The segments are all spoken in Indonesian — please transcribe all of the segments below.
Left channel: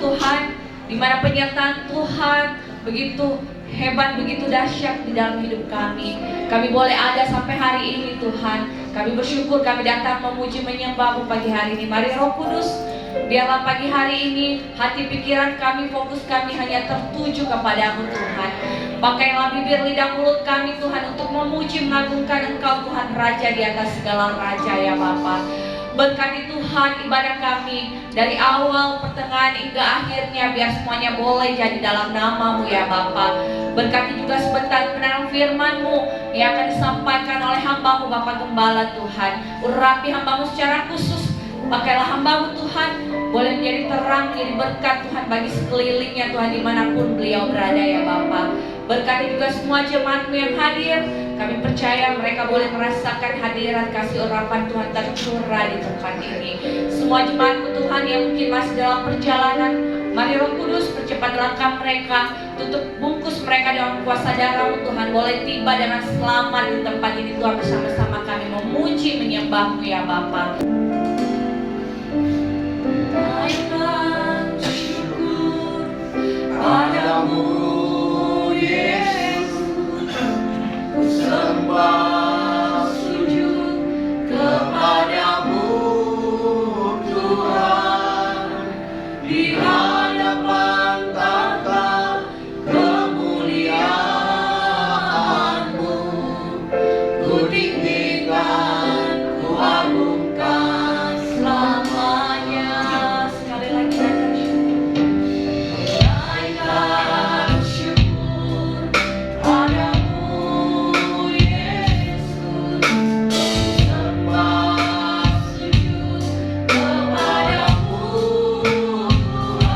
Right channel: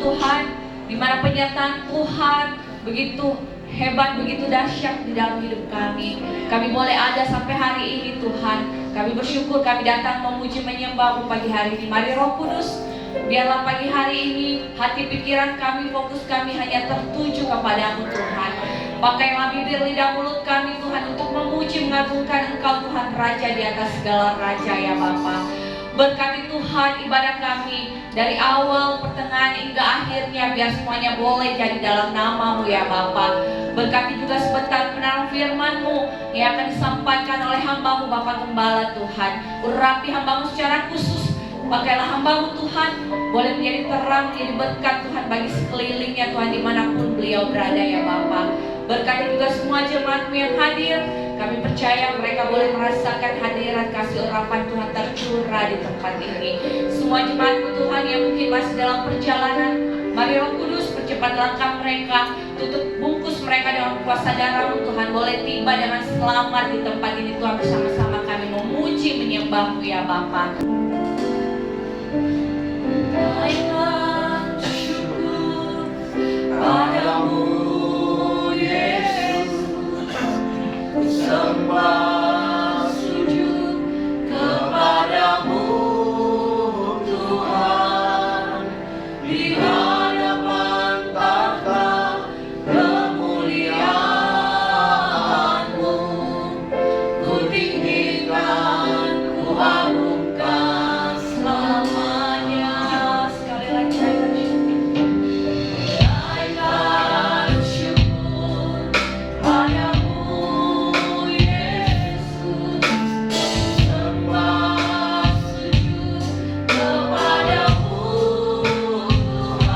Tuhan, di mana penyertaan Tuhan begitu hebat, begitu dahsyat di dalam hidup kami. Kami boleh ada sampai hari ini Tuhan. Kami bersyukur kami datang memuji menyembah-Mu pagi hari ini. Mari Roh Kudus, biarlah pagi hari ini hati pikiran kami, fokus kami hanya tertuju kepadamu Tuhan. Pakailah bibir lidah mulut kami Tuhan untuk memuji mengagungkan Engkau Tuhan Raja di atas segala raja ya Bapa. Berkati Tuhan ibadah kami dari awal, pertengahan hingga akhirnya, biar semuanya boleh jadi dalam nama-Mu ya Bapa. Berkati juga sebentar kebenaran firman-Mu yang akan disampaikan oleh hamba-Mu Bapa Gembala Tuhan. Urapi hamba-Mu secara khusus. Pakailah hamba-Mu Tuhan boleh menjadi terang, menjadi berkat Tuhan bagi sekelilingnya Tuhan dimanapun beliau berada ya Bapa. Berkati juga semua jemaat-Mu yang hadir. Kami percaya mereka boleh merasakan hadirat kasih urapan Tuhan tercurah di tempat ini. Semua jemaat-Mu Tuhan yang mungkin masih dalam perjalanan, mari Roh Kudus percepat langkah mereka, tutup bungkus mereka dengan kuasa darah-Mu Tuhan. Boleh tiba dengan selamat di tempat ini Tuhan, bersama-sama kami memuji menyembah-Mu ya Bapa. Baiklah syukur padamu sembah sujud kepadamu Tuhan, di hadapan tahta kemuliaan-Mu, ku tinggikan, ku agungkan selamanya. Sekali lagi naikkan syukur padamu sembah sujud kepadamu Tuhan,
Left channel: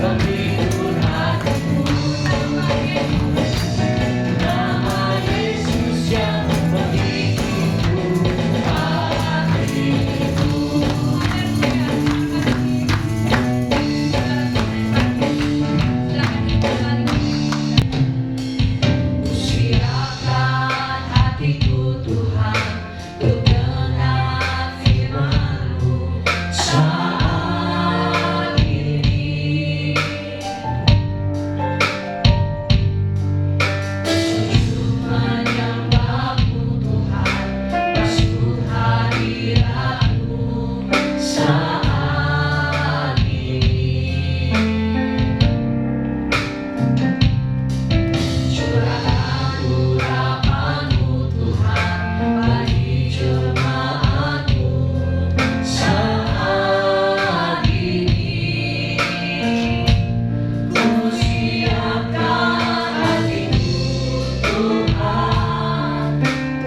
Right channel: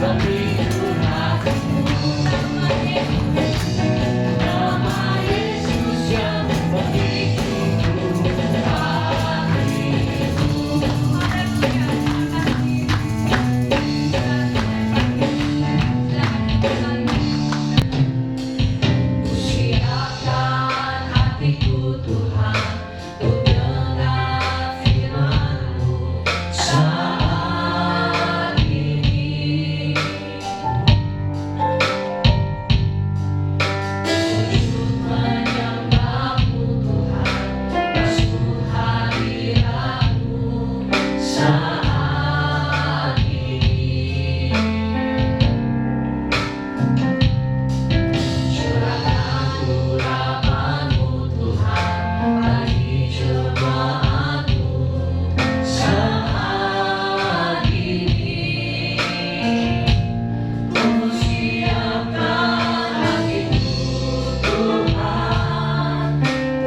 Siapkan hatiku Tuhan, untuk dengar firman-Mu saat ini. Sujud menyembah-Mu Tuhan, basuh hadirat-Mu saat ini. Curahkan urapan-Mu Tuhan bagi jemaat-Mu saat ini. Ku siapkan hatiku Tuhan,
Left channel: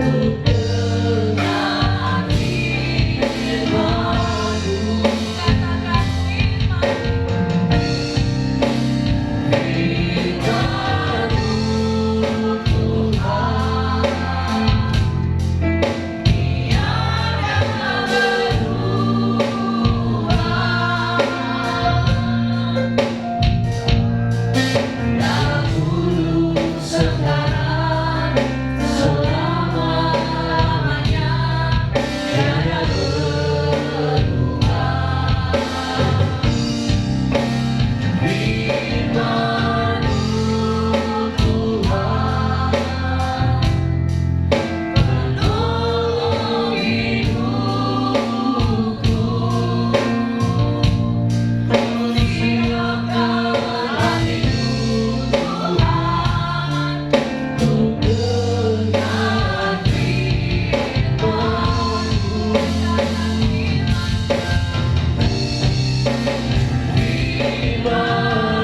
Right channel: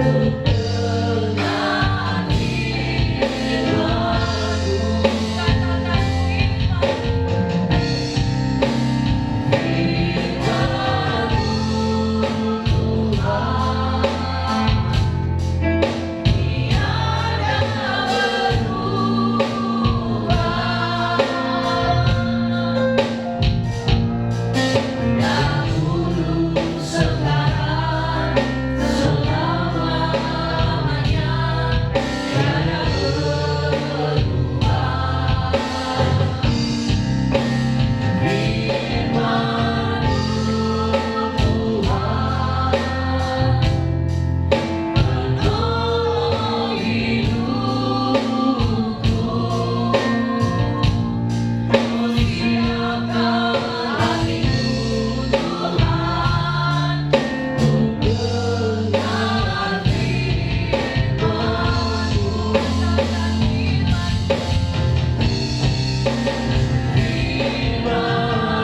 untuk dengar firman-Mu. Katakan firman-Mu Tuhan, tiada berubah. Dahulu, sekarang, selama-lamanya, tiada berubah. Firman-Mu Tuhan, penuh hidupku. Ku siapkan hatiku Tuhan, untuk dengar firman-Mu. Firman-Mu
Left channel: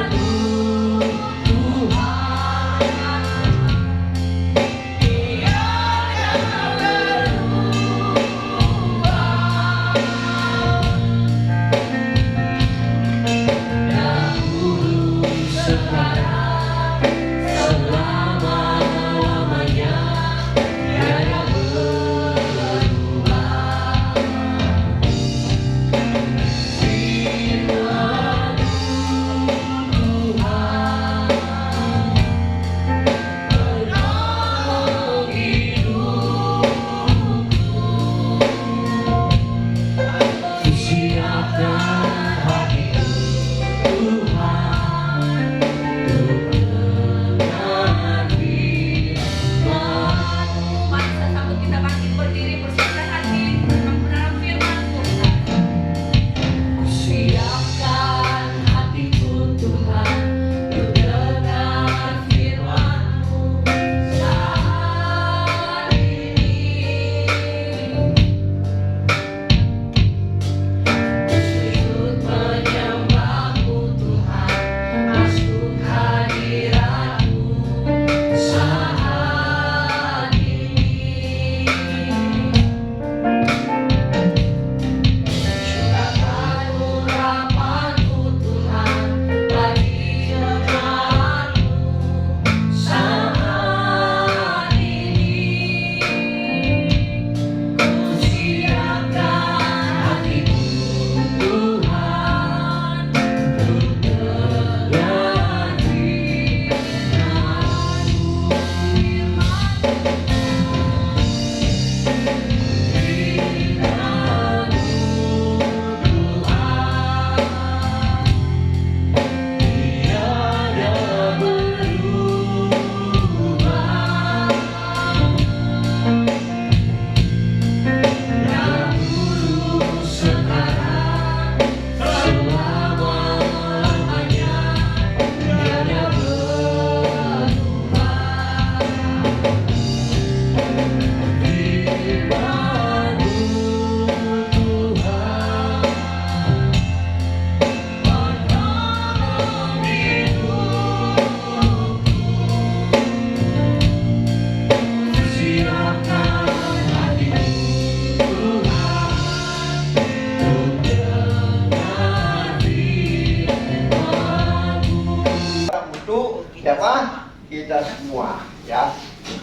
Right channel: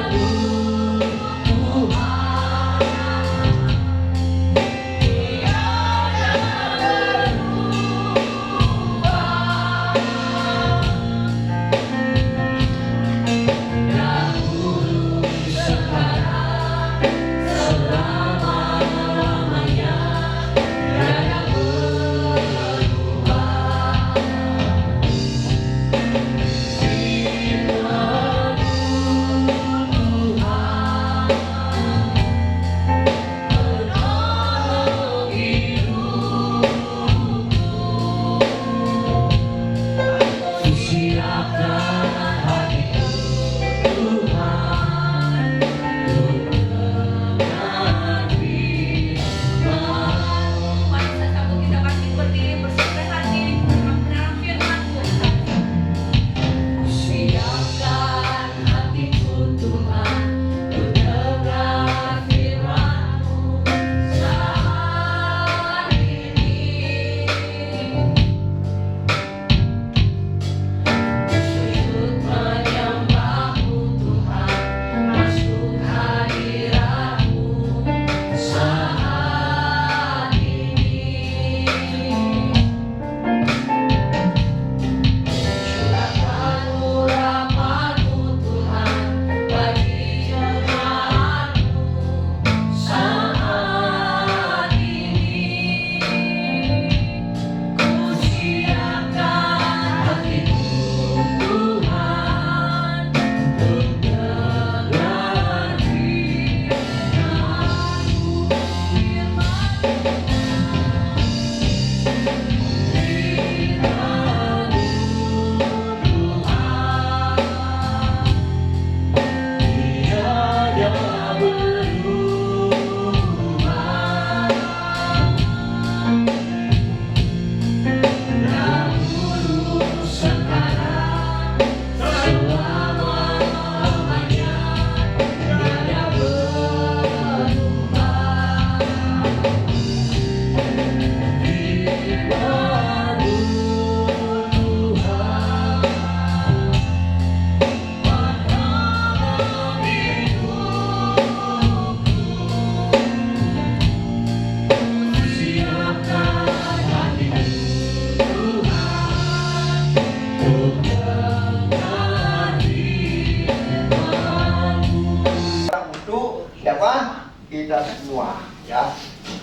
kita semua, ya.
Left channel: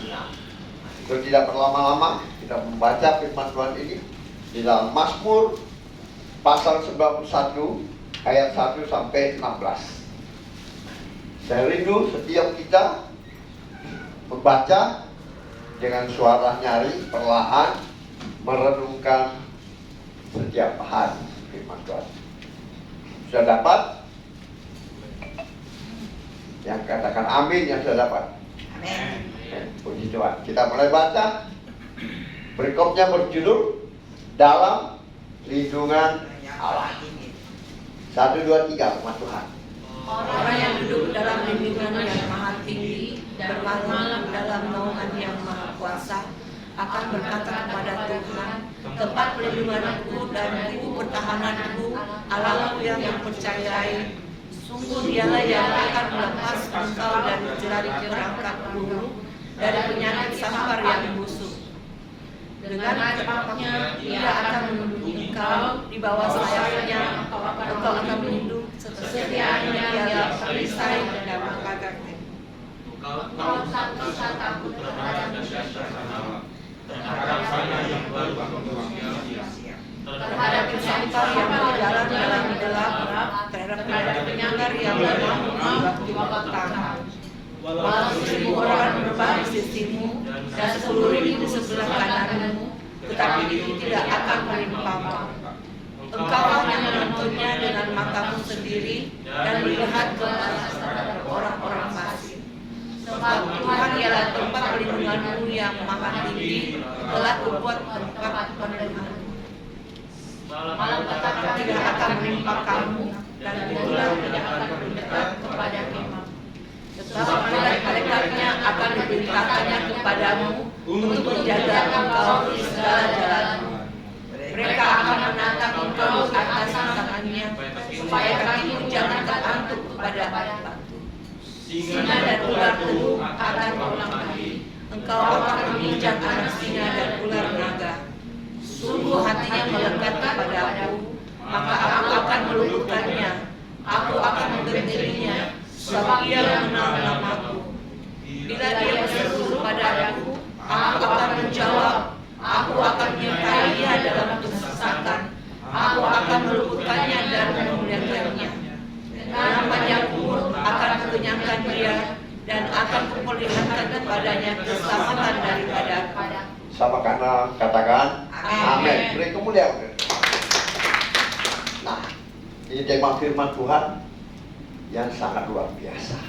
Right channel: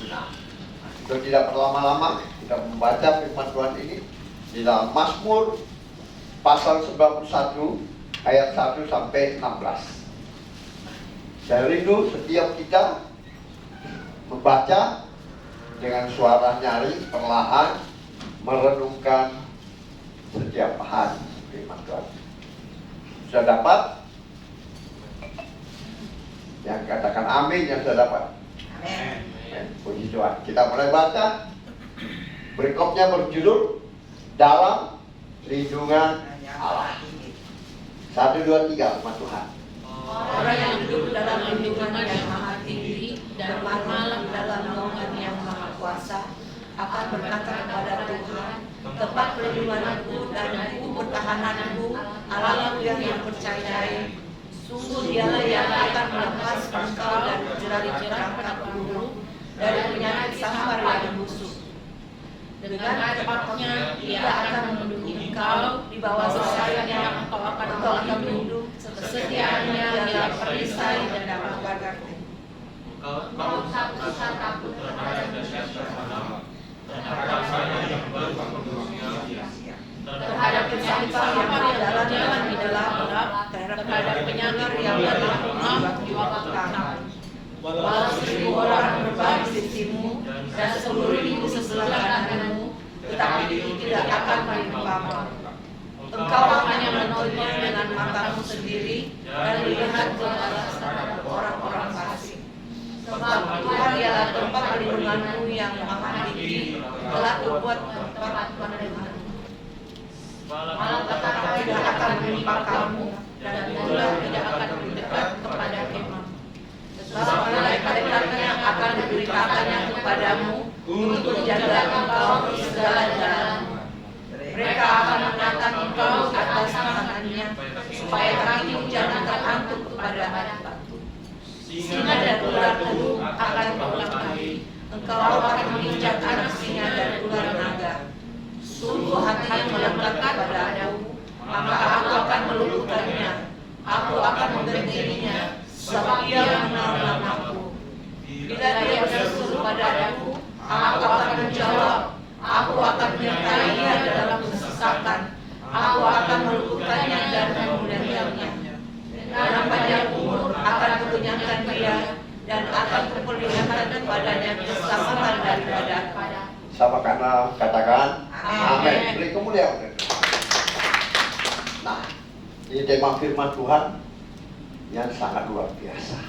Nah, untuk tidak berlama-lama, kita membaca firman Tuhan ini di dalam Mazmur pasal 91 ayat 1 sampai 16. Saya rindu setiap kita membaca dengan suara nyaring, perlahan, merenungkan setiap hari firman Tuhan. Sudah dapat? Yang katakan amin yang sudah dapat. Amin. Puji Tuhan. Kita mulai baca. Berikutnya berjudul Dalam Lindungan Allah. 1, 2, 3, sama Tuhan. Orang yang duduk dalam lindungan yang maha tinggi dan bermalam dalam naungan yang maha kuasa akan berkata kepada Tuhan, tempat perlindunganku dan ibu pertahananku, Allahku yang dipercayai. Sungguh dialah yang akan melepas engkau dari jerat-jerat burung, dari penyakit samar yang busuk. Dengan cepatnya ia akan melindungi engkau di bawah sayapnya, engkau akan melindungi setiapnya ialah perisai dan pagar. Engkau tak usah takut terhadap musuh terhadap saya yang baru terhadap kesangkal yang berjalan di dalam terhadap penyakit yang dalam di bawah tanah. Walau 1000 orang berbang di sisimu dan 10.000 di sebelah kananmu, tetapi itu tidak akan menimpamu. Engkau hanya menontonnya dengan matamu sendiri dan melihat kepada orang-orang fasik. Sebab Tuhan ialah tempat perlindunganmu yang maha tinggi, telah berbuat tempat perlindunganmu. Malapetaka tidak akan menimpa kamu, dan ular tidak akan mendekat kepada kemah. Sebab malaikat-malaikatnya akan diberitakannya kepadamu untuk menjaga engkau di segala jalanmu. Mereka akan menatang engkau ke atas tangannya, supaya kakimu jangan terangkut kepada batu. Singa dan ular teluk akan berulang kali. Engkau akan menginjak anak singa dan ular naga. Sungguh hatinya melekat kepada aku, maka aku akan meluluhkannya. Aku akan membentenginya, sebab ia mengenal namaku. Bila dia berseru padaku, aku akan menjawab. Aku akan menyertainya dalam kesesakan. Aku akan meluputkannya dan memuliakannya. Dalam panjang umur akan kukenyangkan dia, dan akan kuperlihatkan kepadanya keselamatan daripada. Sama karena katakan amin. Beri kemuliaan. Nah, ini tema firman Tuhan yang sangat luar biasa.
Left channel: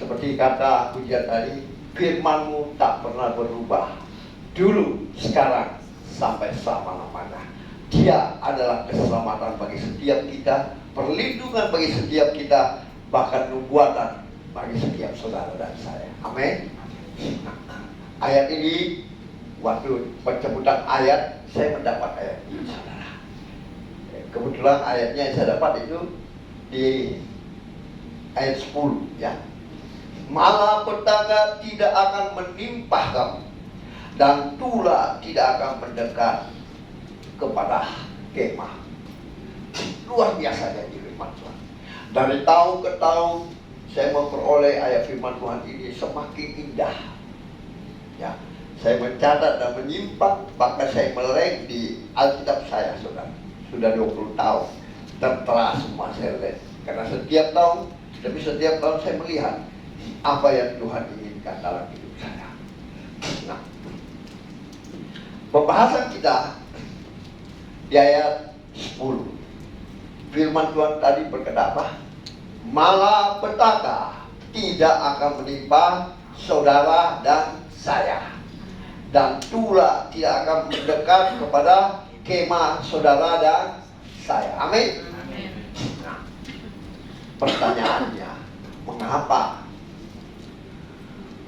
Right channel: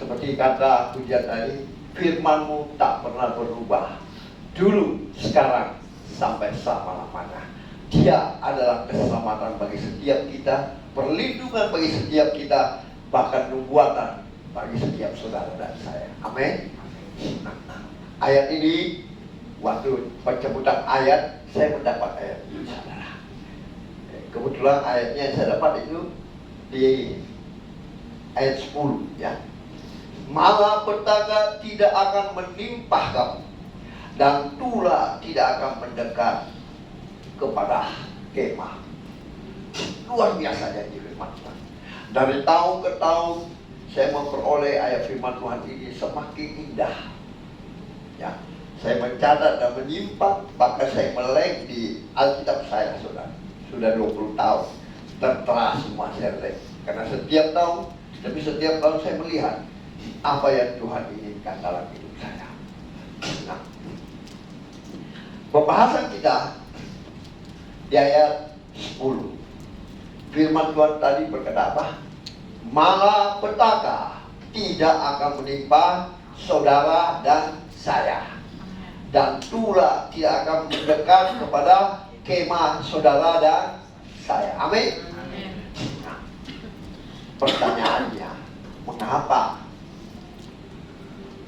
Seperti kata pujian tadi, firman-Mu tak pernah berubah. Dulu, sekarang, sampai selama-lamanya. Dia adalah keselamatan bagi setiap kita, perlindungan bagi setiap kita, bahkan nubuatan bagi setiap saudara dan saya. Amin. Ayat ini, waktu pencabutan ayat, saya mendapat ayat ini, saudara. Kebetulan ayatnya yang saya dapat itu di ayat 10, ya. Malapetaka tidak akan menimpa kamu, dan tulah tidak akan mendekat kepada kemah. Luar biasa janji firman Tuhan. Dari tahun ke tahun saya memperoleh ayat firman Tuhan ini semakin indah. Ya, saya mencatat dan menyimpan, bahkan saya melek di Alkitab saya, saudara. Sudah 20 tahun tertera semua saya lek. Karena setiap tahun, saya melihat apa yang Tuhan inginkan dalam hidup saya. Nah, pembahasan kita di ayat 10. Firman Tuhan tadi berkata apa? Malapetaka tidak akan menimpa saudara dan saya, dan tulah tidak akan mendekat kepada kemah saudara dan saya. Amin. Nah, pertanyaannya, mengapa?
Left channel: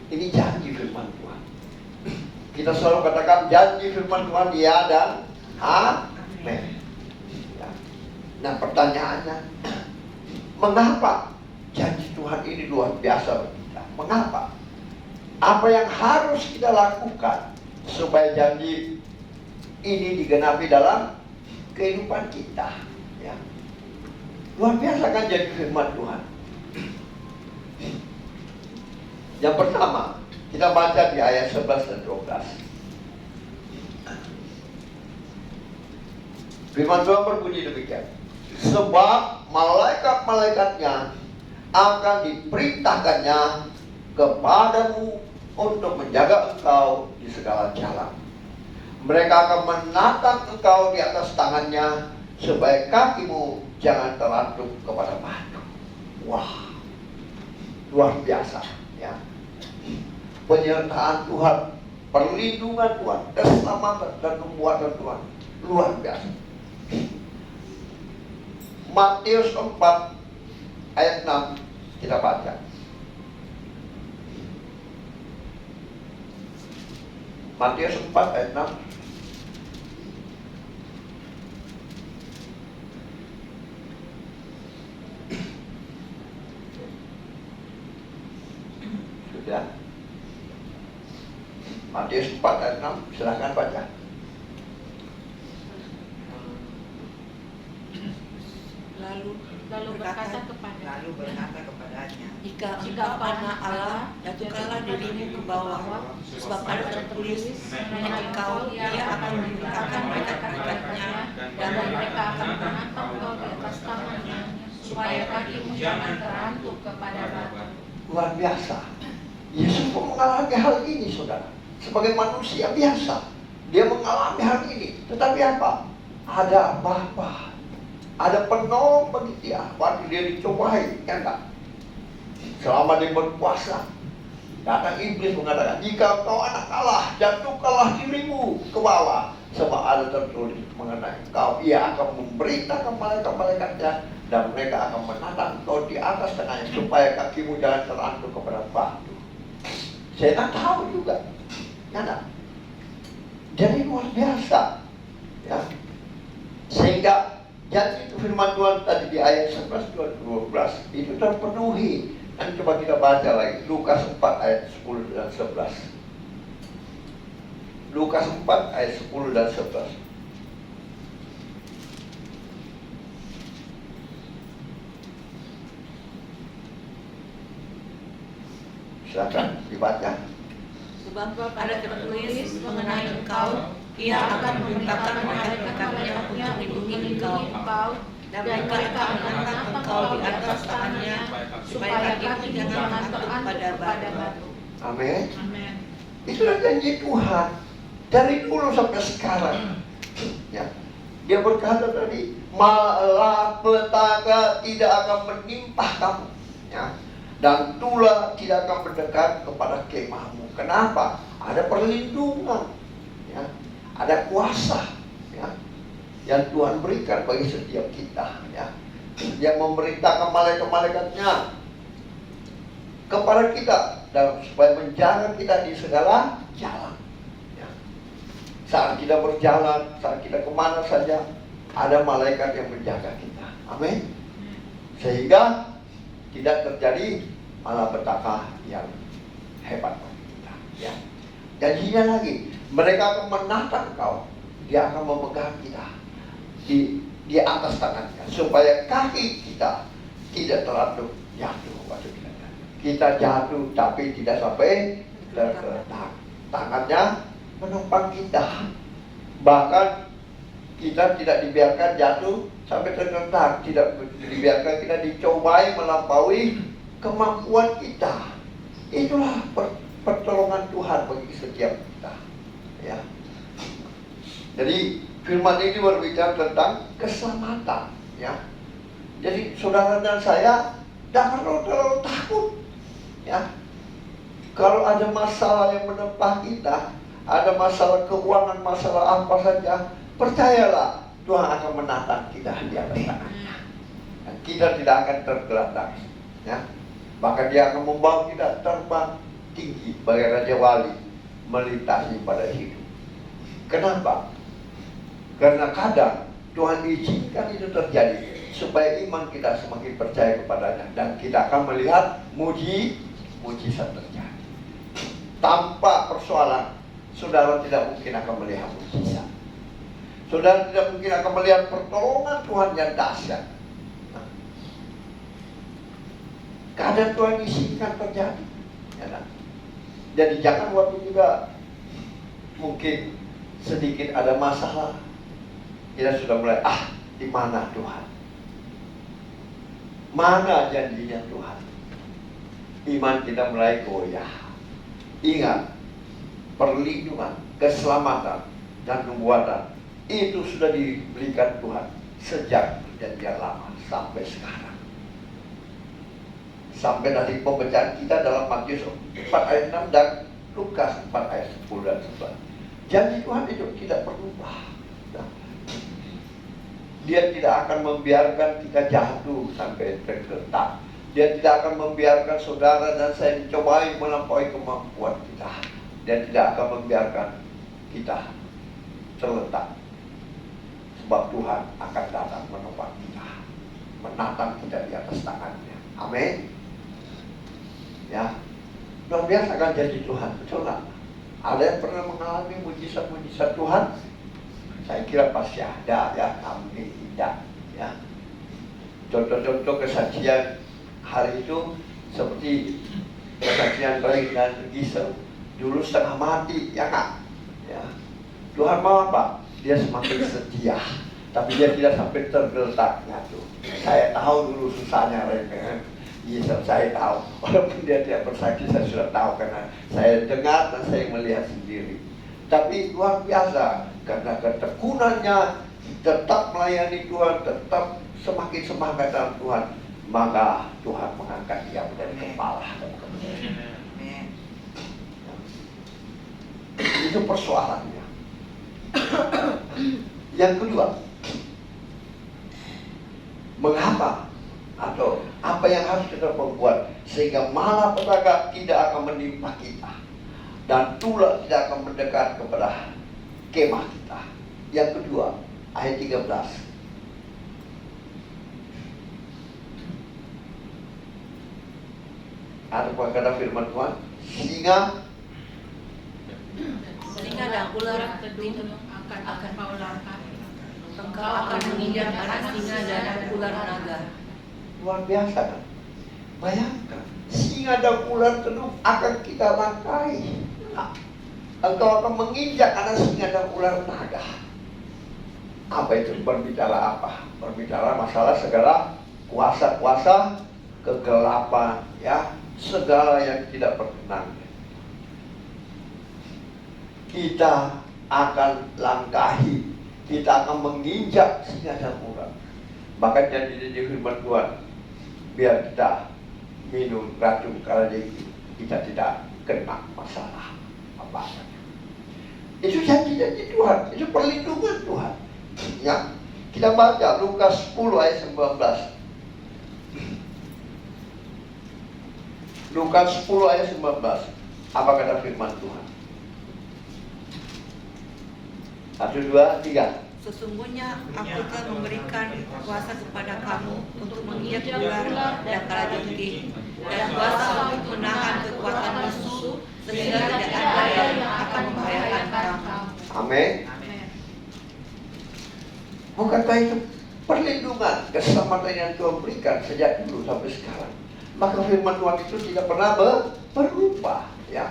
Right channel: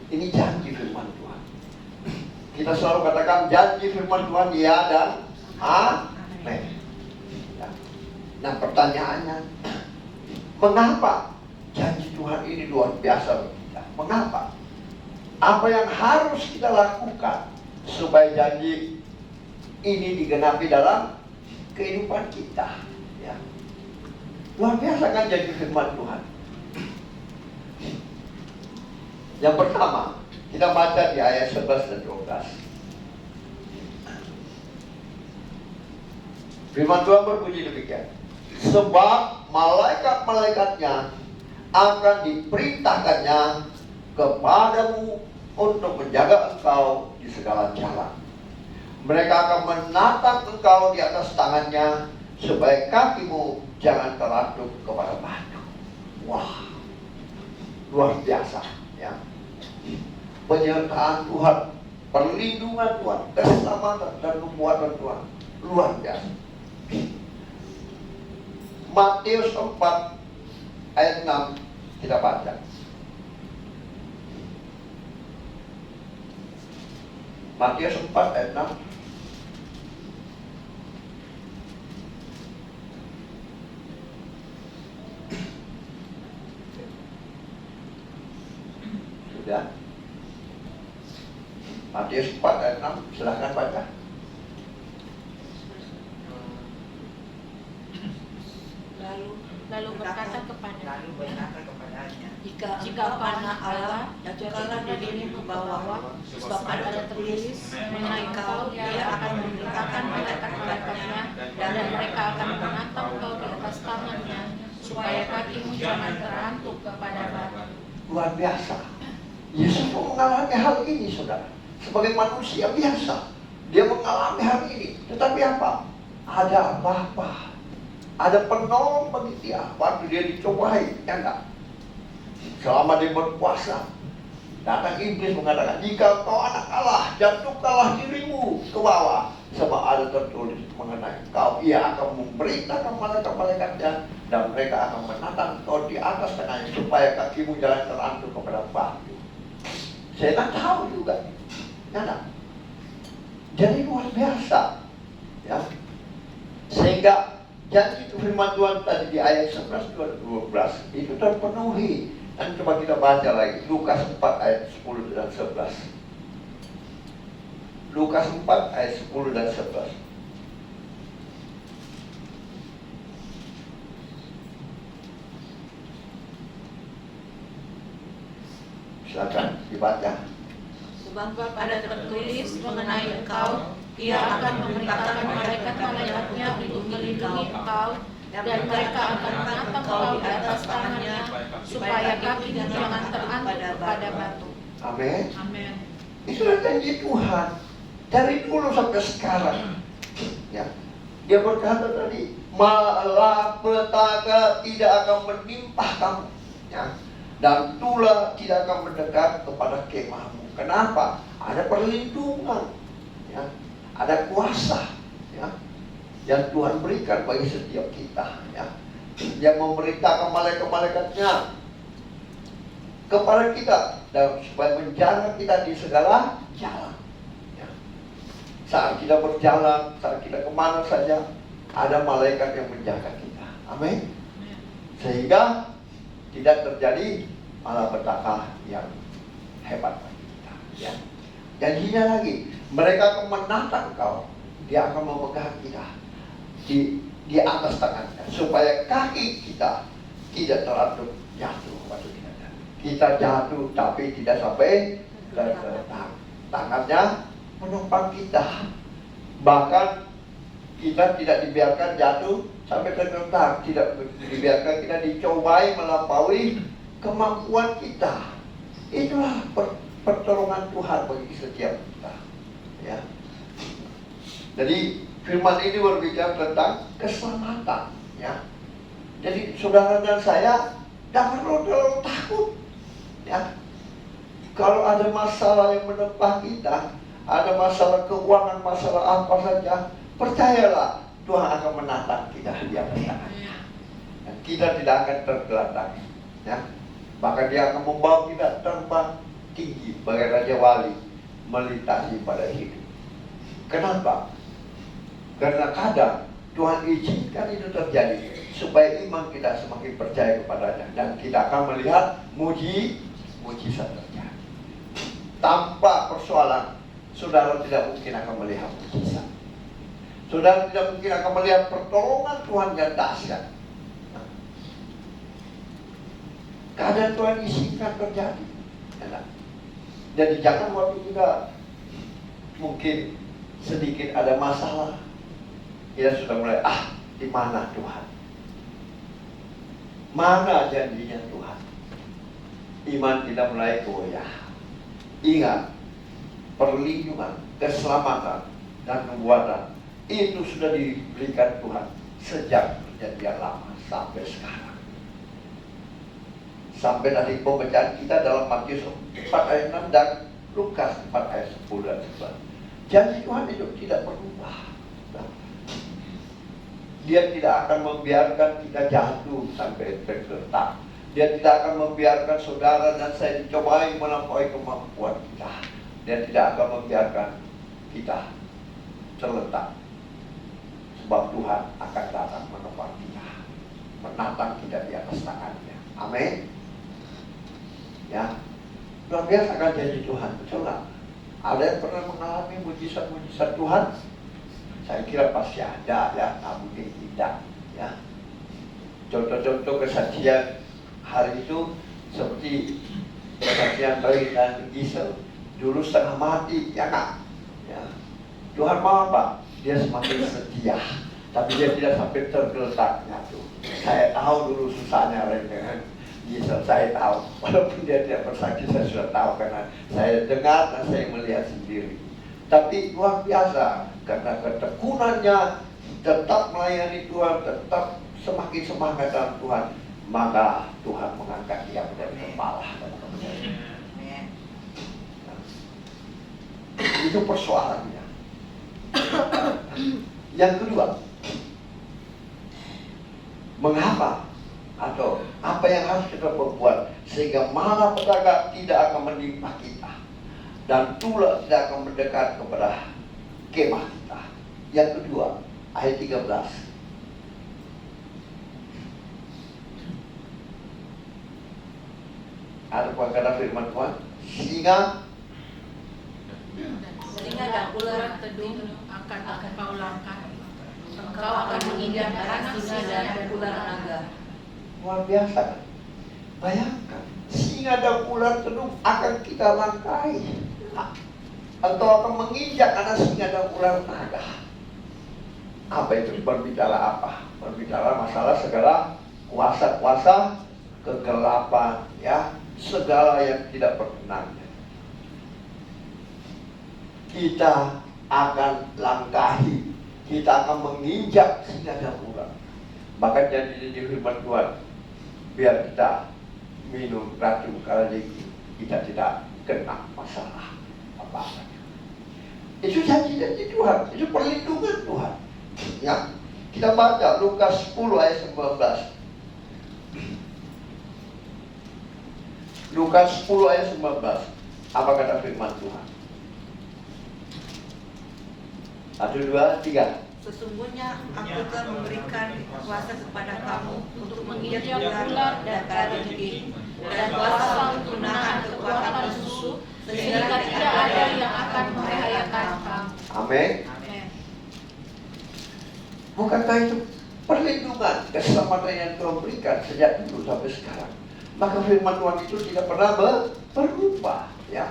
Ini janji firman Tuhan. Kita selalu katakan janji firman Tuhan ya dan amin. Nah, pertanyaannya, mengapa janji Tuhan ini luar biasa bagi kita? Mengapa? Apa yang harus kita lakukan supaya janji ini digenapi dalam kehidupan kita? Ya. Luar biasa kan janji firman Tuhan. Yang pertama, kita baca di ayat 11 dan 12. Firman Tuhan berbunyi demikian. Sebab malaikat-malaikatnya akan diperintahkannya kepadamu untuk menjaga engkau di segala jalan. Mereka akan menatang engkau di atas tangannya, supaya kakimu jangan terlantuk kepada batu. Wah, luar biasa ya. Penyertaan Tuhan, perlindungan Tuhan, keselamatan dan kekuatan Tuhan, luar biasa. Matius 4 ayat 6 kita baca. Matius 4 ayat 6. Sudah. Matius 4 ayat 6, silakan baca. Lalu berkata kepadanya, jika panah Allah jatuhkanlah dirimu ke bawah, sebab ada tertulis mengenai kau, Dia akan memberikan malaikat-malaikatnya, dan mereka akan menatang kau ke atas tangannya, supaya kakimu jangan terantuk kepada batu. Luar biasa. Yesus pun mengalami hal ini, saudara. Sebagai manusia biasa, dia mengalami hal ini. Tetapi apa? Ada Bapa, ada penolong bagi dia waktu dia dicobai, ya enggak? Selama dia berpuasa, datang iblis mengatakan, jika kau anak Allah, jatuhkanlah dirimu ke bawah, sebab ada tertulis mengenai kau, Ia akan memerintahkan malaikat-malaikatnya, dan mereka akan menatang kau di atas tangannya, supaya kakimu jangan terlantuk kepada batu. Saya tak tahu juga, ya enggak? Jadi luar biasa, ya. Sehingga janji itu firman Tuhan tadi di ayat 11 dan 12 itu terpenuhi. Dan coba kita baca lagi Lukas 4 ayat 10 dan 11. Lukas 4 ayat 10 dan 11. Silakan dibaca. Sebab ada tertulis mengenai engkau, Ia akan memerintahkan malaikat-malaikatnya untuk melindungi engkau, dan mereka akan menatang engkau di atas tangannya, supaya kaki jangan terantuk pada batu. Amin. Amin. Itulah janji Tuhan dari dulu sampai sekarang. Ya, dia berkata tadi, malapetaka tidak akan menimpa kamu, ya, dan tulah tidak akan mendekat kepada kemahmu. Kenapa? Ada perlindungan, ya, ada kuasa, ya, yang Tuhan berikan bagi setiap kita, ya. Yang memerintahkan malaikat-malaikatnya kepada kita, dan supaya menjaga kita di segala jalan, ya. Saat kita berjalan, saat kita kemana saja, ada malaikat yang menjaga kita. Amin. Sehingga tidak terjadi malapetaka yang hebat bagi kita, ya. Janjinya lagi, mereka akan menatang kau, dia akan memegang kita di atas tangannya, supaya kaki kita tidak terlantuk jatuh waktu kita jatuh. Kita jatuh tapi tidak sampai tergeletak. Tangannya menopang kita, bahkan kita tidak dibiarkan jatuh sampai tergeletak, tidak dibiarkan kita dicobai melampaui kemampuan kita. Itulah pertolongan Tuhan bagi setiap kita, ya. Jadi firman ini berbicara tentang keselamatan, ya. Jadi saudara dan saya jangan terlalu takut, ya. Kalau ada masalah yang menempa kita, ada masalah keuangan, masalah apa saja, percayalah Tuhan akan menatang kita di atas tangannya. Kita tidak akan tergeletak, ya. Maka Dia akan membawa kita terbang tinggi bagai Raja Wali melintasi pada hidup. Kenapa? Karena kadang Tuhan izinkan itu terjadi supaya iman kita semakin percaya kepadanya, dan kita akan melihat mujizat terjadi. Tanpa persoalan, saudara tidak mungkin akan melihat mujizat. Saudara tidak mungkin akan melihat pertolongan Tuhan yang dahsyat. Kadang Tuhan izinkan terjadi, Ya, nak? Jadi jangan waktu kita mungkin sedikit ada masalah, kita sudah mulai, di mana Tuhan? Mana janjinya Tuhan? Iman kita mulai goyah. Ingat, perlindungan, keselamatan, dan nubuatan itu sudah diberikan Tuhan sejak perjanjian lama sampai sekarang. Sampai dari pembacaan kita dalam Matius 4 ayat 6 dan Lukas 4 ayat 10 dan 11. Janji Tuhan itu tidak berubah. Dia tidak akan membiarkan kita jatuh sampai tergeletak. Dia tidak akan membiarkan saudara dan saya dicobai melampaui kemampuan kita. Dia tidak akan membiarkan kita terletak. Sebab Tuhan akan datang menolong kita, menatang kita di atas tangannya. Amin. Ya, luar biasa kan janji Tuhan, betul nggak? Ada yang pernah mengalami mujizat-mujizat Tuhan? Saya kira pasti ada, ya, nggak mungkin tidak. Ya, contoh-contoh kesaksian hari itu seperti kesaksian Baik dan Gisel, dulu setengah mati, ya nggak? Ya, Tuhan mau apa? Dia semakin setia, tapi dia tidak sampai tergeletaknya tuh. Saya tahu dulu susahnya dengan Gisel, saya tahu. Walaupun dia tidak bersaksi, saya sudah tahu karena saya dengar dan saya melihat sendiri. Tapi luar biasa karena ketekunannya, tetap melayani Tuhan, tetap semakin semangat dalam Tuhan, maka Tuhan mengangkat dia menjadi kepala. Itu persoalannya. Yang kedua, mengapa atau apa yang harus kita perbuat sehingga malapetaka tidak akan menimpa kita dan tulah tidak akan mendekat kepada kemah kita. Yang kedua, ayat 13. Ada kata firman Tuhan, sehingga dan ular tedung akan kau langkahi. Engkau akan menginjak darah singa dan ular naga. Luar biasa kan? Bayangkan, singa dan ular tedung akan kita langkahi. Engkau akan menginjak anak singa dan ular naga. Apa itu? Berbicara apa? Berbicara masalah segala kuasa-kuasa kegelapan, ya, segala yang tidak berkenan. Kita akan langkahi, kita akan menginjak singa dan ular. Maka jadi firman Tuhan, biar kita minum racun karena kita tidak kena masalah apa-apa. Itu janji-janji Tuhan, itu perlindungan Tuhan. Ya, kita baca Lukas 10 ayat 19. Lukas 10 ayat 19. Apa kata firman Tuhan? 1, 2, 3. Sesungguhnya aku telah memberikan kuasa kepada kamu untuk menginjak ular dan kalajengking, dan kuasa untuk menahan kekuatan musuh, sehingga tidak ada yang akan membahayakan kamu. Amin. Bukankah itu perlindungan, keselamatan yang Tuhan berikan sejak dulu sampai sekarang? Maka firman Tuhan itu tidak pernah berubah, ya.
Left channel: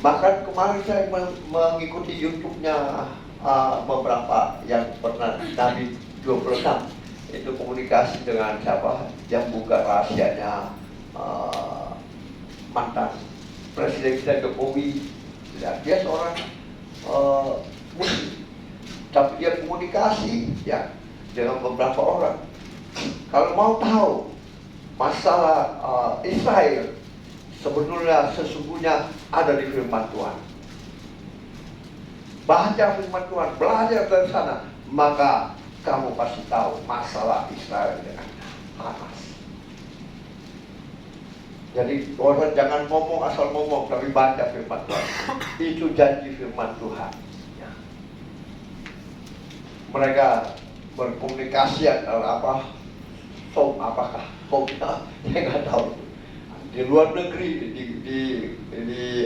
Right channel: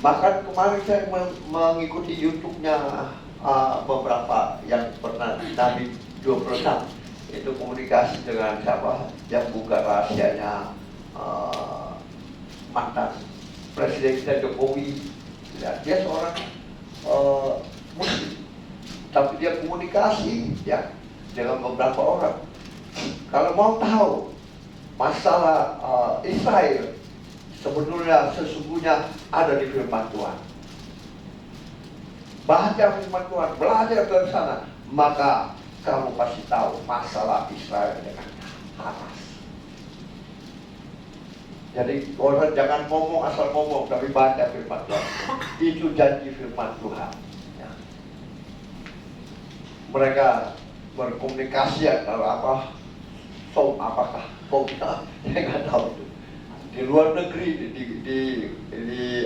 Bahkan kemarin saya mengikuti YouTube-nya beberapa yang pernah Nabi 26 itu komunikasi dengan siapa yang buka rahasianya mantan Presiden kita Jokowi. Ya, dia seorang muslim, tapi dia komunikasi, ya, dengan beberapa orang. Kalau mau tahu masalah Israel, sesungguhnya ada di firman Tuhan. Baca firman Tuhan, belajar dari sana, maka kamu pasti tahu masalah Israel dengan Hamas. Jadi orang jangan ngomong asal ngomong, tapi baca firman Tuhan. Itu janji firman Tuhan. Ya. Mereka berkomunikasi antara apa? Apakah? Saya nggak tahu itu. Di luar negeri, di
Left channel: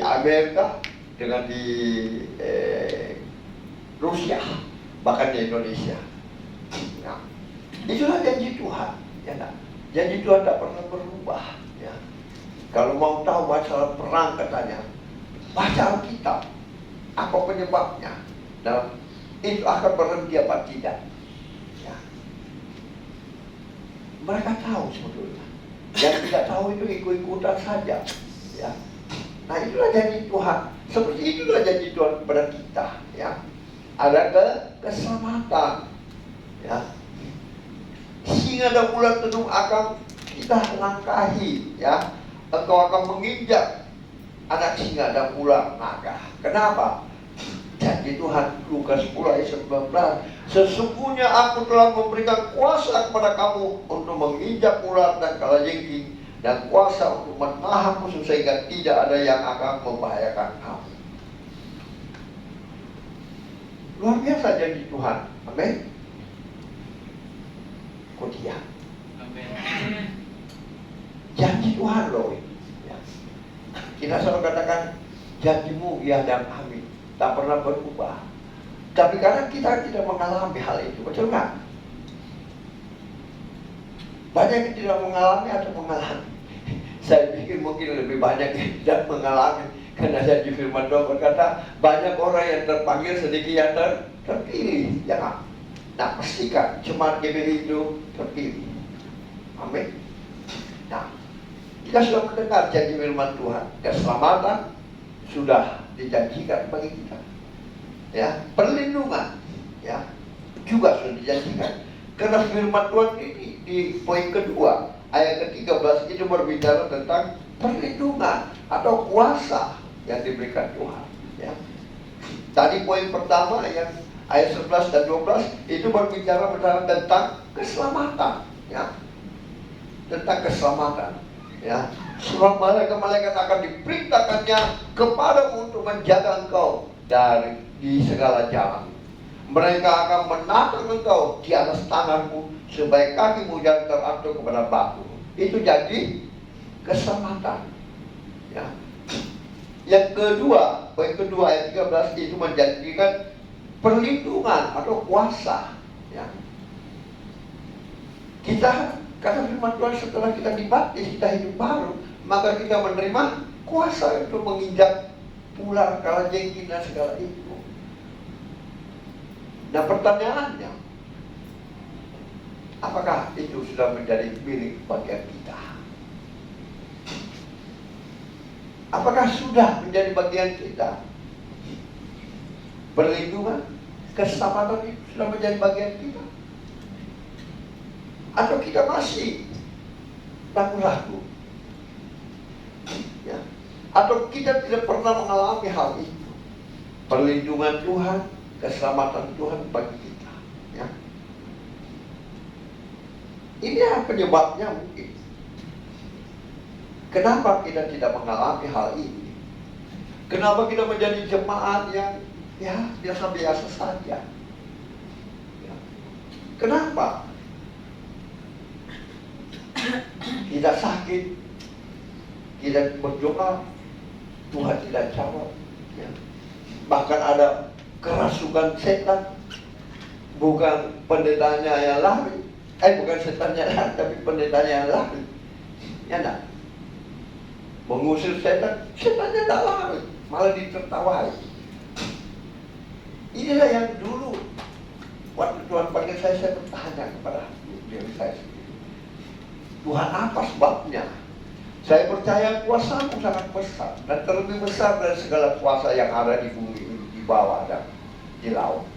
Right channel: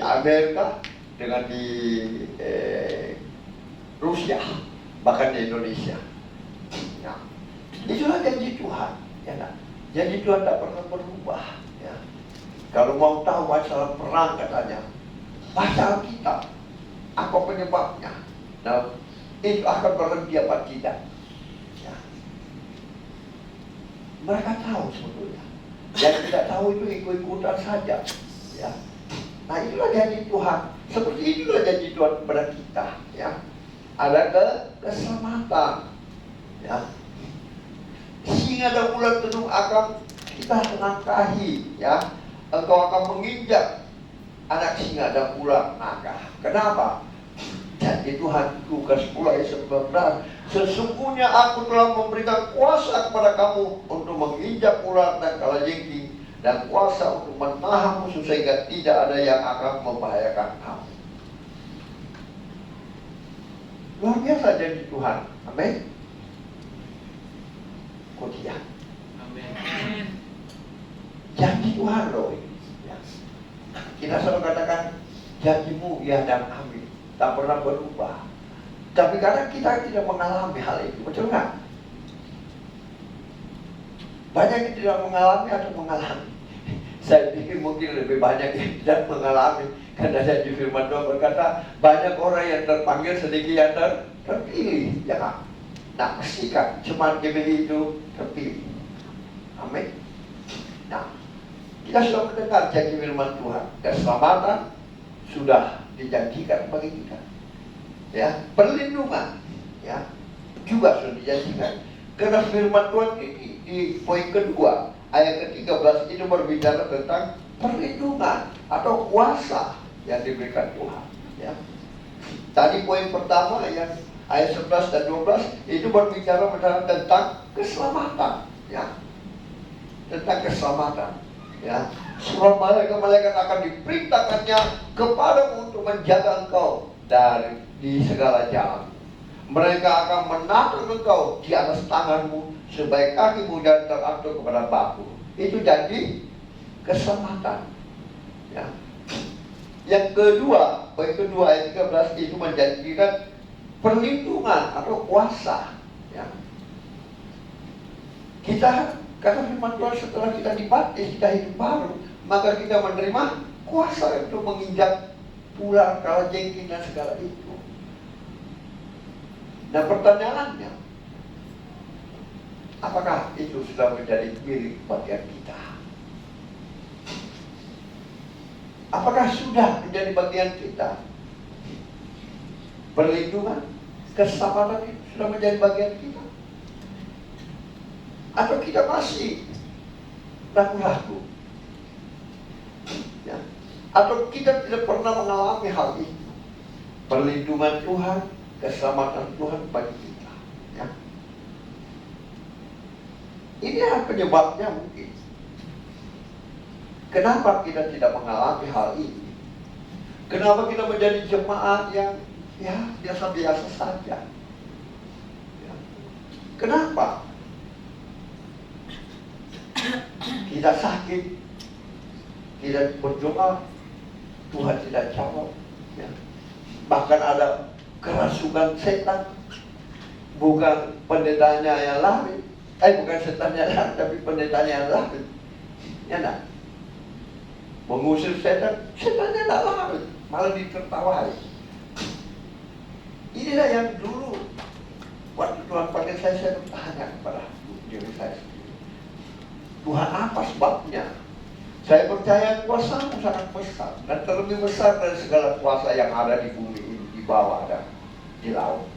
Amerika, dengan di Rusia, bahkan di Indonesia. Ya. Itulah janji Tuhan, ya, nah. Janji Tuhan tak pernah berubah, ya. Kalau mau tahu masalah perang katanya, baca Alkitab. Apa penyebabnya? Nah, itu akan berhenti apa tidak? Ya. Mereka tahu sebetulnya. Yang tidak tahu itu ikut-ikutan saja. Ya. Nah, itulah janji Tuhan. Seperti itulah janji Tuhan kepada kita. Ya. Ada keselamatan. Ya. Singa dan ular tenung akan kita langkahi. Ya. Engkau akan menginjak anak singa dan ular naga. Kenapa? Janji Tuhan Lukas 10 ayat 19, sesungguhnya aku telah memberikan kuasa kepada kamu untuk menginjak ular dan kalajengking, dan kuasa untuk menahan musuh sehingga tidak ada yang akan membahayakan kamu. Luar biasa janji Tuhan. Amin. Kemudian janji Tuhan loh. Ya. Kita selalu katakan janjimu ya dan amin, tak pernah berubah. Tapi kadang kita tidak mengalami hal itu, betul nggak? Banyak yang tidak mengalami atau mengalami. Saya pikir mungkin lebih banyak yang tidak mengalami, karena janji firman Tuhan berkata banyak orang yang terpanggil, sedikit yang terpilih. Ya kan? Nah, pastikan cuma GBI itu terpilih. Amin. Nah, kita sudah mendengar janji firman Tuhan, keselamatan sudah dijanjikan bagi kita. Ya, perlindungan ya juga sudah dijanjikan. Karena firman Tuhan ini di poin kedua, ayat ke-13 itu berbicara tentang perlindungan atau kuasa yang diberikan Tuhan. Ya. Tadi poin pertama yang ayat 11 dan 12 itu berbicara tentang keselamatan. Ya. Tentang keselamatan. Ya. Surah malaikat-malaikat akan diperintahkannya kepadamu untuk menjaga engkau di segala jalan. Mereka akan menatang engkau di atas tanganmu supaya kakimu jangan teratur kepada batu. Itu janji keselamatan. Ya. Yang kedua, poin kedua ayat 13 itu menjanjikan perlindungan atau kuasa. Ya. Kita kata firman Tuhan, setelah kita dibaptis, kita hidup baru, maka kita menerima kuasa untuk menginjak ular, kalajengking dan segala itu. Nah, pertanyaannya, apakah itu sudah menjadi milik bagian kita? Apakah sudah menjadi bagian kita? Perlindungan, keselamatan itu sudah menjadi bagian kita? Atau kita masih ragu-ragu? Ya. Atau kita tidak pernah mengalami hal itu? Perlindungan Tuhan, keselamatan Tuhan bagi kita. Ya. Ini yang penyebabnya mungkin. Kenapa kita tidak mengalami hal ini? Kenapa kita menjadi jemaat yang ya biasa-biasa saja? Ya. Kenapa? Kita sakit, kita berdoa, Tuhan tidak jawab. Ya. Bahkan ada kerasukan setan, bukan pendetanya yang lari, bukan setannya lari, tapi pendetanya yang lari. Ya enggak? Mengusir setan, setannya tidak lari, malah ditertawai. Inilah yang dulu waktu Tuhan panggil saya bertanya kepada diri saya sendiri, Tuhan apa sebabnya? Saya percaya kuasamu sangat besar dan terlebih besar dari segala kuasa yang ada di bumi ini, di bawah dan di laut.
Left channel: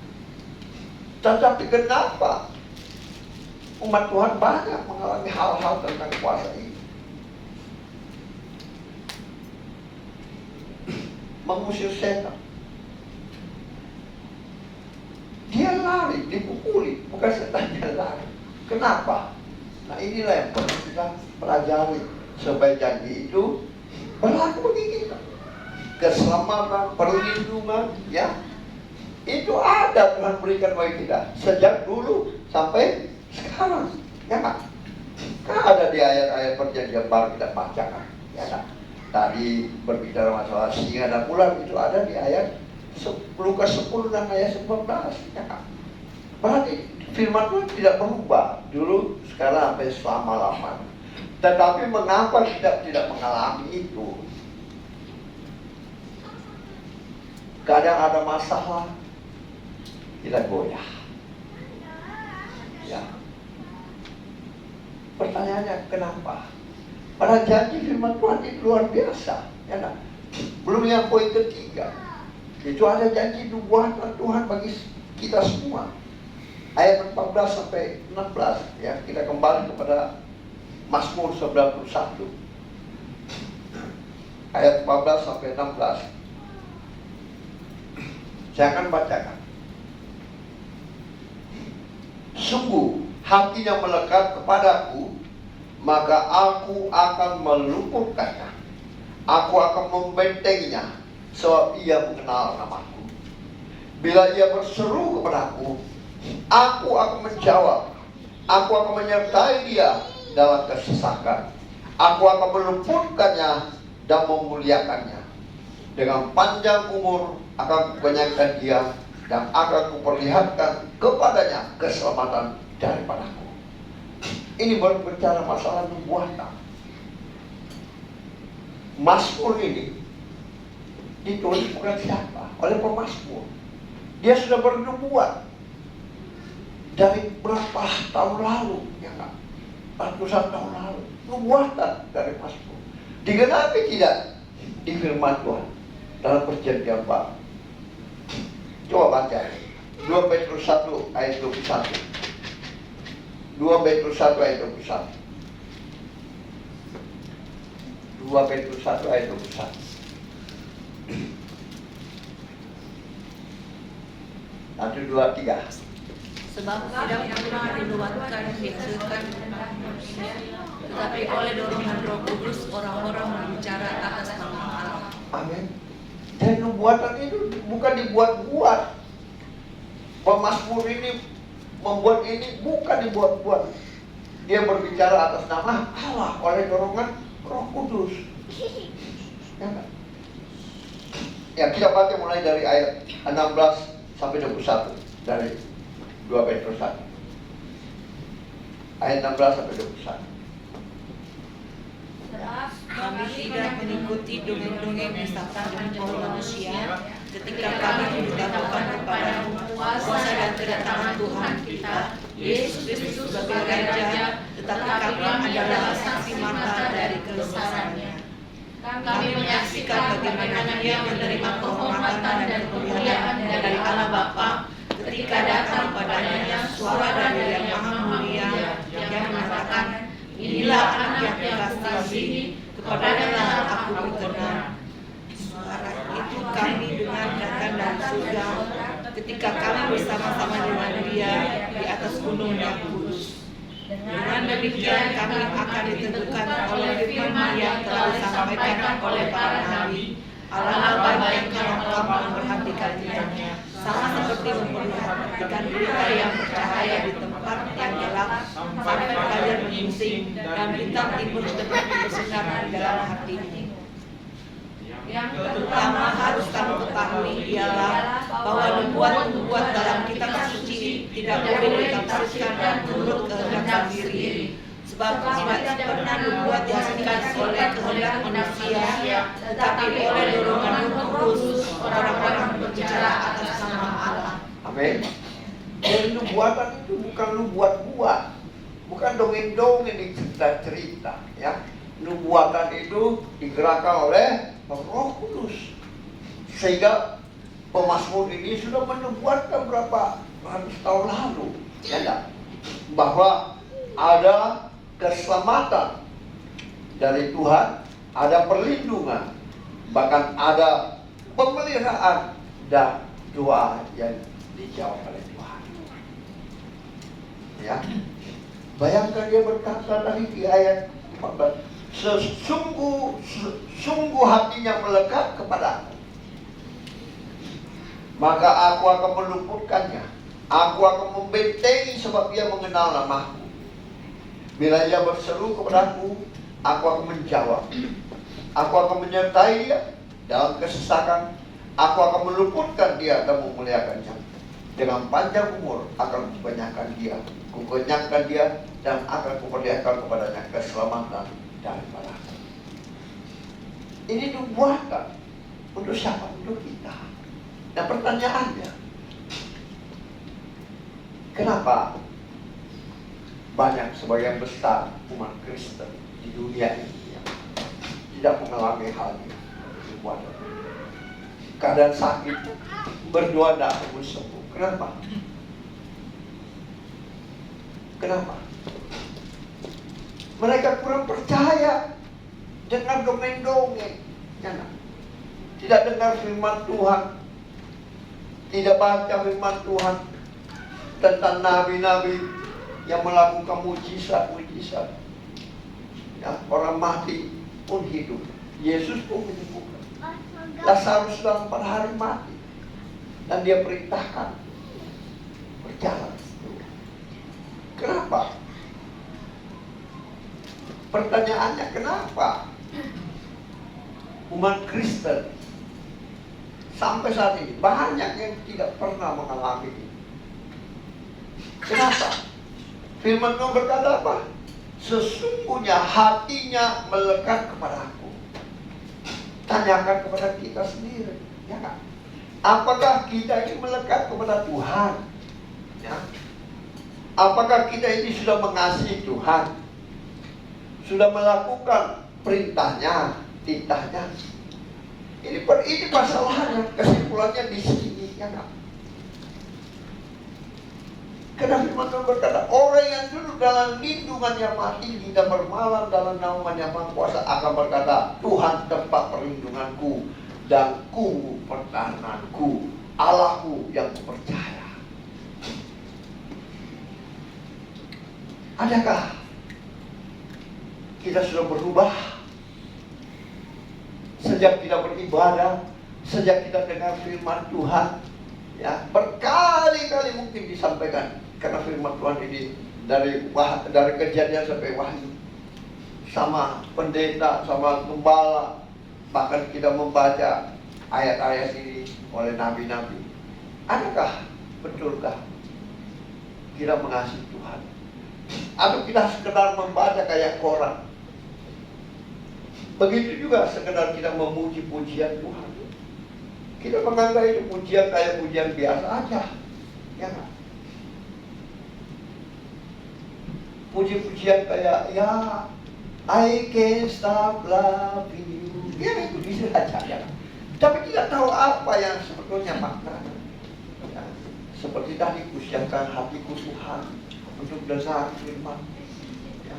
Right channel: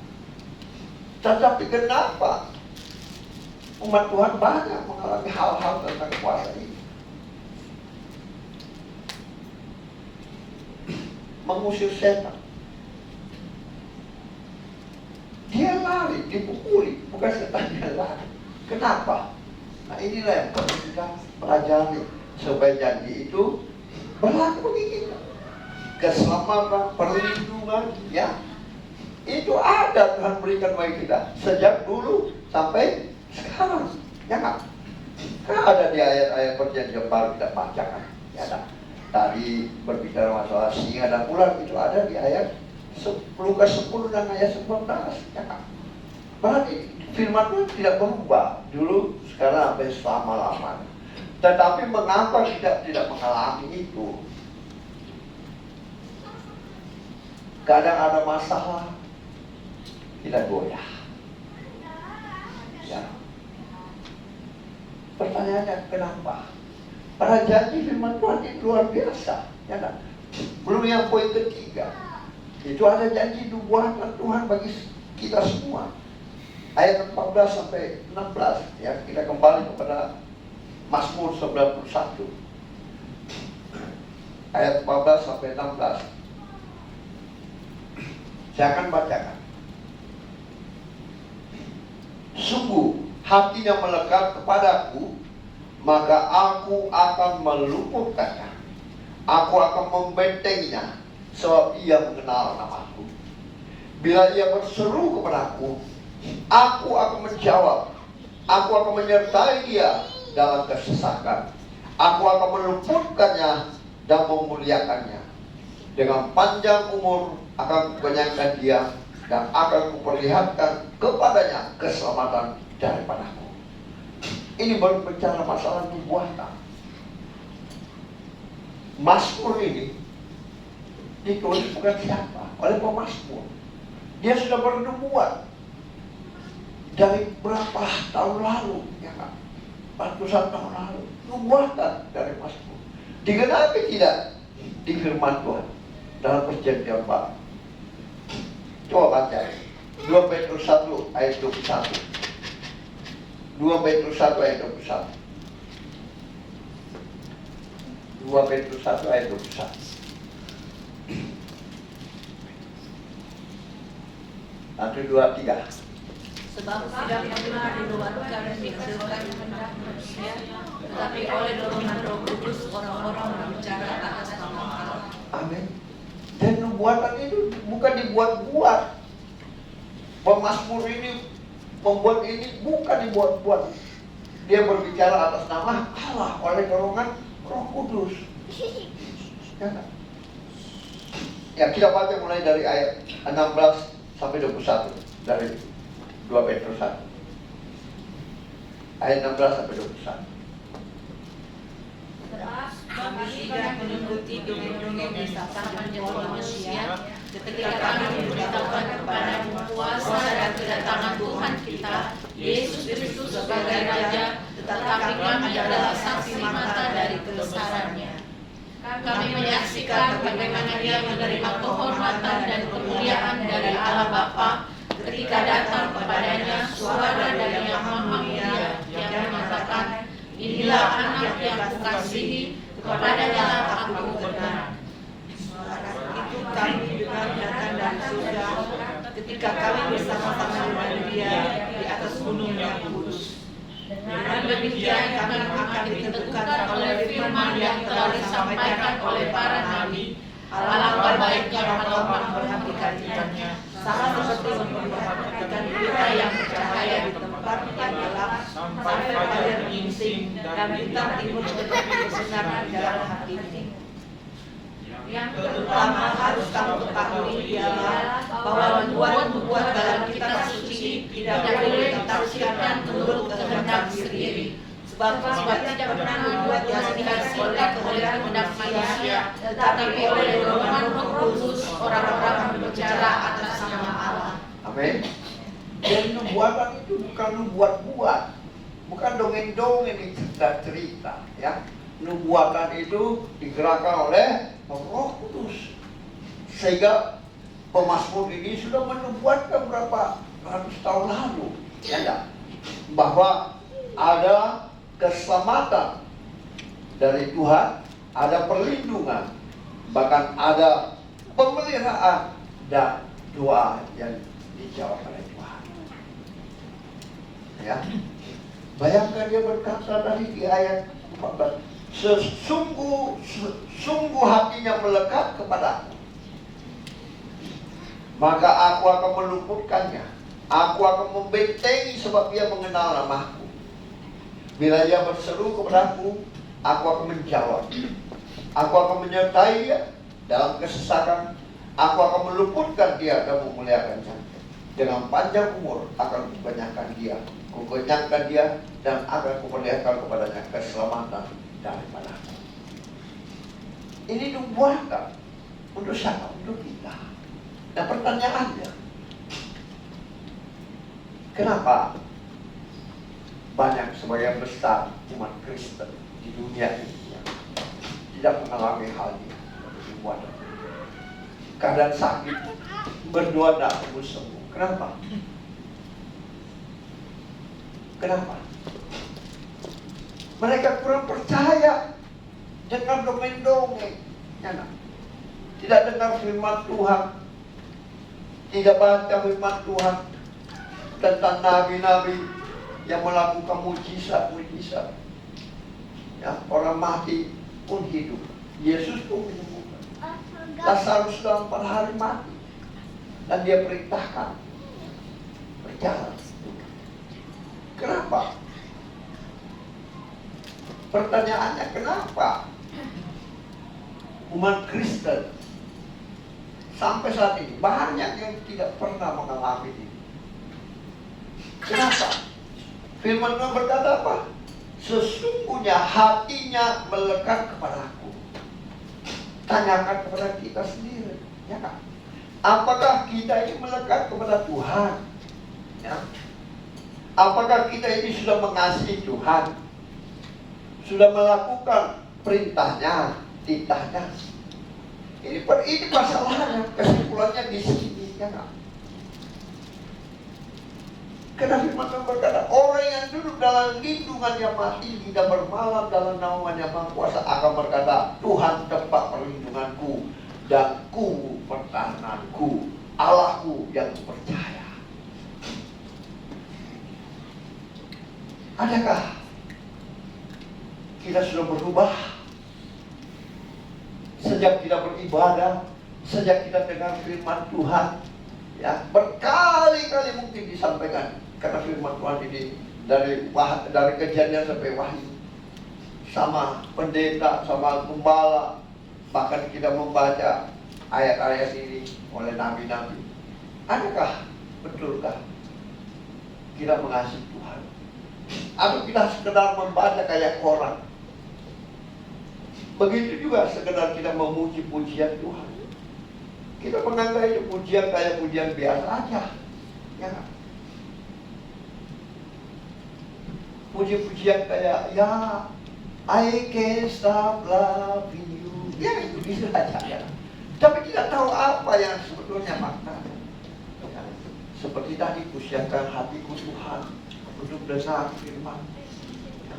Tetapi kenapa umat Tuhan banyak mengalami hal-hal tentang kuasa ini? Mengusir setan, dia lari, dipukuli, bukan setannya lari. Kenapa? Nah, inilah yang perlu kita pelajari supaya janji itu berlaku bagi kita. Keselamatan, perlindungan, ya, itu ada Tuhan berikan bagi kita sejak dulu sampai sekarang, ya kan? Kan ada di ayat-ayat perjanjian baru kita bacakan, ya kan? Tadi berbicara masalah singa dan ular, itu ada di ayat Lukas 10 dan ayat 19, ya kan? Berarti firman Tuhan tidak berubah dulu, sekarang sampai selama-lamanya. Tetapi mengapa kita tidak mengalami itu? Kadang ada masalah, kita goyah. Ya. Pertanyaannya kenapa? Pada janji firman Tuhan itu luar biasa, ya kan? Belum yang poin ketiga, itu ada janji nubuatan Tuhan bagi kita semua. Ayat 14 sampai 16, ya, kita kembali kepada Mazmur 91. Ayat 14 sampai 16. Saya akan bacakan. Sungguh hatinya melekat kepadaku, maka aku akan meluputkannya. Aku akan membentenginya, sebab ia mengenal namaku. Bila ia berseru kepadaku, aku akan menjawab. Aku akan menyertai dia dalam kesesakan. Aku akan meluputkannya dan memuliakannya. Dengan panjang umur akan kukenyangkan dia, dan akan kuperlihatkan kepadanya keselamatan daripadaku. Ini baru bicara masalah nubuatan. Mazmur ini ditulis bukan siapa, oleh pemazmur. Dia sudah bernubuat dari berapa tahun lalu, ya kan? 41 tahun lalu, nubuatan dari Mazmur. Digenapi tidak di firman Tuhan dalam perjanjian baru. Coba baca 2 Petrus 1 ayat 21. 2 Petrus 1 ayat 21. 2 Petrus 1 ayat 21. Satu, dua, tiga. Sebab tidak pernah dinubuatkan dihasilkan manusia, tetapi oleh dorongan Roh Kudus orang-orang berbicara atas nama Allah. Amin. Dan nubuatan itu bukan dibuat-buat. Pemazmur ini membuat ini bukan dibuat-buat. Dia berbicara atas nama Allah oleh dorongan Roh Kudus. Ya, ya, kita baca mulai dari ayat 16 sampai 21 dari 2 Petrus 1. Ayat 16 sampai 21. Kami tidak mengikuti dongeng-dongeng setan dan tipu manusia, ketika kami memberitahukan kepadamu kuasa dan kedatangan Tuhan kita, Yesus Kristus sebagai Raja, tetapi kami adalah saksi mata dari kebesarannya. Kami menyaksikan bagaimana Dia menerima kehormatan dan kemuliaan dari Allah Bapa ketika datang padanya suara dari Yang Maha Mulia yang mengatakan, inilah anak yang aku kasihi, kepadanya aku berkenan. Suara itu kami dengar datang dari surga ketika kami bersama-sama dengan Dia di atas gunung yang kudus. Dengan demikian kami akan ditentukan oleh firman yang telah disampaikan oleh para nabi. Allah baik yang telah memperhatikannya, sama seperti memperhatikan berita yang bercahaya di tempat yang gelap, sampai kalian menyinting dan bintang timur tetap bersinar di dalam hatimu. Yang pertama harus kamu ketahui ialah bahwa nubuat dalam kitab suci tidak boleh ditafsirkan menurut kehendak sendiri, sebab tidak pernah nubuat dihasilkan oleh kehendak manusia, tetapi oleh dorongan Roh Kudus orang-orang berbicara atas nama Allah. Amin. Jadi nubuatan itu bukan nubuat-buat, bukan dongeng-dongeng yang cerita-cerita, ya. Nubuatan itu digerakkan oleh Roh Kudus. Sehingga pemazmur ini sudah menubuatkan berapa ratus tahun lalu, ya, bahwa ada keselamatan dari Tuhan, ada perlindungan, bahkan ada pemeliharaan dan doa yang dijawab oleh Tuhan. Ya, bayangkan dia berkata tadi di ayat 14, sungguh hatinya melekat kepadaku, maka aku akan meluputkannya. Aku akan membentengi sebab dia mengenal namaku. Bila dia berseru kepadaku, aku akan menjawab. Aku akan menyertai dia dalam kesesakan. Aku akan meluputkan dia dan memuliakannya. Dengan panjang umur akan kubanyakan dia Kukenyangkan dia dan akan kuperlihatkan kepadanya keselamatan daripada aku. Ini dibuatkan untuk siapa? Untuk kita. Dan pertanyaannya, kenapa banyak sebagian besar umat Kristen di dunia ini yang tidak mengalami hal ini? Keadaan sakit, berdoa tidak akan sembuh. Kenapa? Kenapa? Mereka kurang percaya dengan dongeng-dongeng, ya, tidak dengar firman Tuhan, tidak baca firman Tuhan tentang nabi-nabi yang melakukan mujizat-mujizat. Ya, orang mati pun hidup. Yesus pun menyembuhkan. Lazarus dalam 4 hari mati dan dia perintahkan berjalan. Kenapa? Pertanyaannya, kenapa umat Kristen sampai saat ini banyak yang tidak pernah mengalami ini? Kenapa? Firman Tuhan berkata apa? Sesungguhnya hatinya melekat kepada aku. Tanyakan kepada kita sendiri, ya kan? Apakah kita ini melekat kepada Tuhan? Ya. Apakah kita ini sudah mengasihi Tuhan? Sudah melakukan perintahnya, titahnya? Ini masalahnya, kesimpulannya di sini, ya kan? Karena firman Tuhan berkata, orang yang duduk dalam lindungan yang Maha Tinggi dan bermalam dalam naungan yang Maha Kuasa akan berkata, Tuhan tempat perlindunganku dan kubu pertahananku, Allahku yang kupercaya. Adakah kita sudah berubah sejak kita beribadah, sejak kita dengar firman Tuhan? Ya, berkali-kali mungkin disampaikan, karena firman Tuhan ini dari Kejadian sampai Wahyu, sama pendeta, sama gembala, bahkan kita membaca ayat-ayat ini oleh nabi-nabi. Adakah betulkah kita mengasihi Tuhan? Atau kita sekedar membaca kayak koran? Begitu juga sekedar kita memuji pujian Tuhan. Kita menganggap itu pujian kayak pujian biasa aja, ya. Puji-pujian kayak, ya, I can't stop loving you, ya, itu bisa aja, ya. Tapi tidak tahu apa yang sebetulnya maknanya. Ya. Seperti tadi, kusiapkan hatiku Tuhan untuk dengar firman. Ya.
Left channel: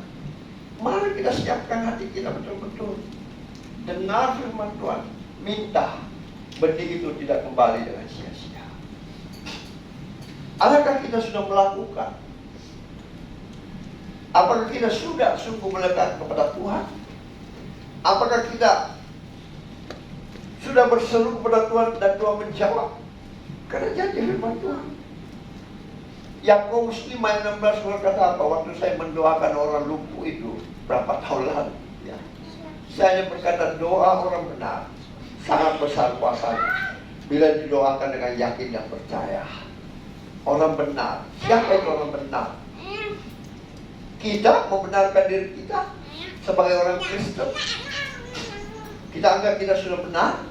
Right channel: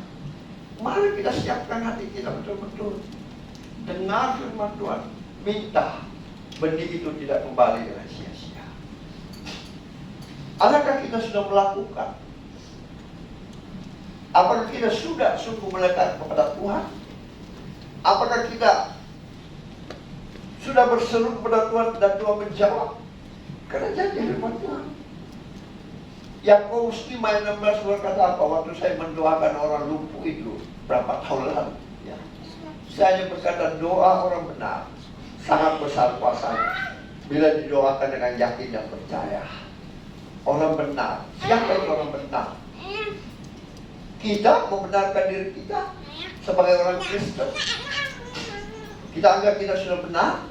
Mari kita siapkan hati kita betul-betul dengar firman Tuhan, minta benih itu tidak kembali dengan sia-sia. Adakah kita sudah melakukan? Apakah kita sudah sungguh melekat kepada Tuhan? Apakah kita sudah berseru kepada Tuhan dan Tuhan menjawab? Karena janji firman Tuhan. Yakobus 5:16 berkata apa? Waktu saya mendoakan orang lumpuh itu berapa tahun lalu, ya. Saya berkata, doa orang benar sangat besar kuasanya bila didoakan dengan yakin dan percaya. Orang benar. Siapa itu orang benar? Kita membenarkan diri kita sebagai orang Kristen. Kita anggap kita sudah benar.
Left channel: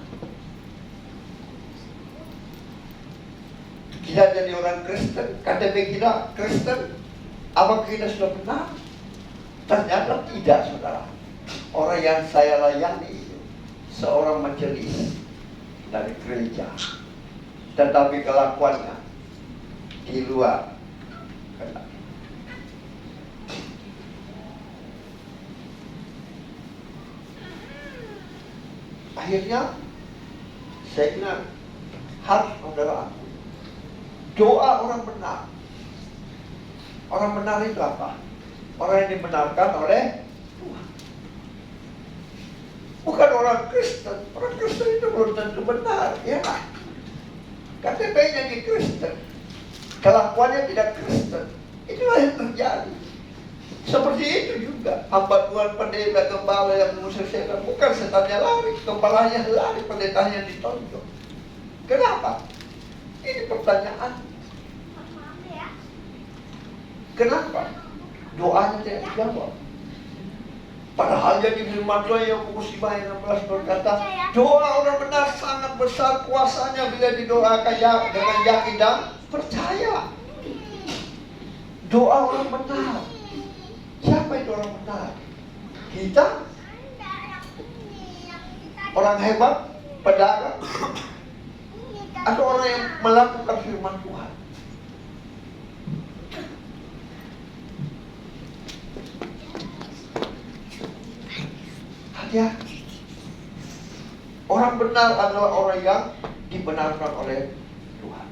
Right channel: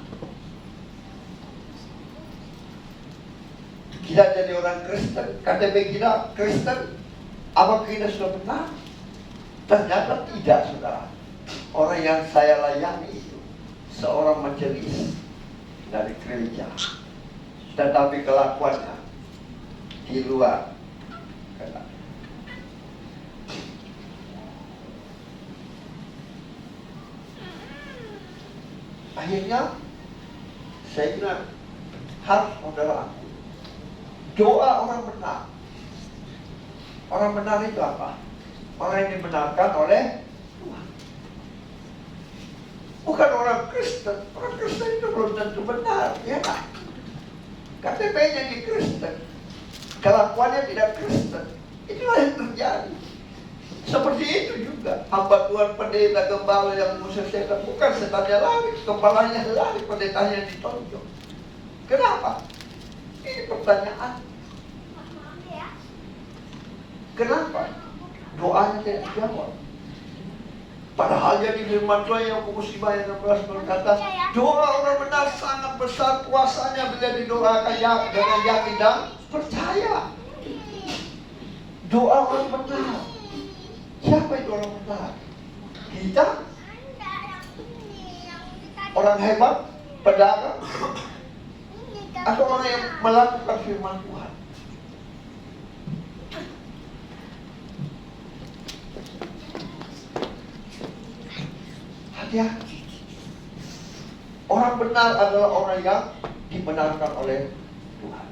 Kita jadi orang Kristen. KTP kita Kristen. Apakah kita sudah benar? Ternyata tidak, saudara. Orang yang saya layani itu seorang majelis dari gereja, tetapi kelakuannya di luar. Akhirnya saya bilang, harus saudara, doa orang benar. Orang benar itu apa? Orang yang dibenarkan oleh Tuhan. Bukan orang Kristen. Orang Kristen itu belum tentu benar, ya kan? KTP-nya di Kristen, kelakuannya tidak Kristen. Itulah yang terjadi. Seperti itu juga hamba Tuhan, pendeta, gembala yang mengusir setan, bukan setannya lari, gembalanya lari, pendetanya ditonjok. Kenapa? Ini pertanyaan. Kenapa? Doanya tidak dijawab. Padahal jadi firman Tuhan Yakobus 5:16 berkata, doa orang benar sangat besar kuasanya bila didoakan dengan yakin dan percaya. Doa orang benar. Siapa itu orang benar? Kita? Orang hebat? Pedagang? Atau orang yang melakukan firman Tuhan? Hati-hati. Orang benar adalah orang yang dibenarkan oleh Tuhan,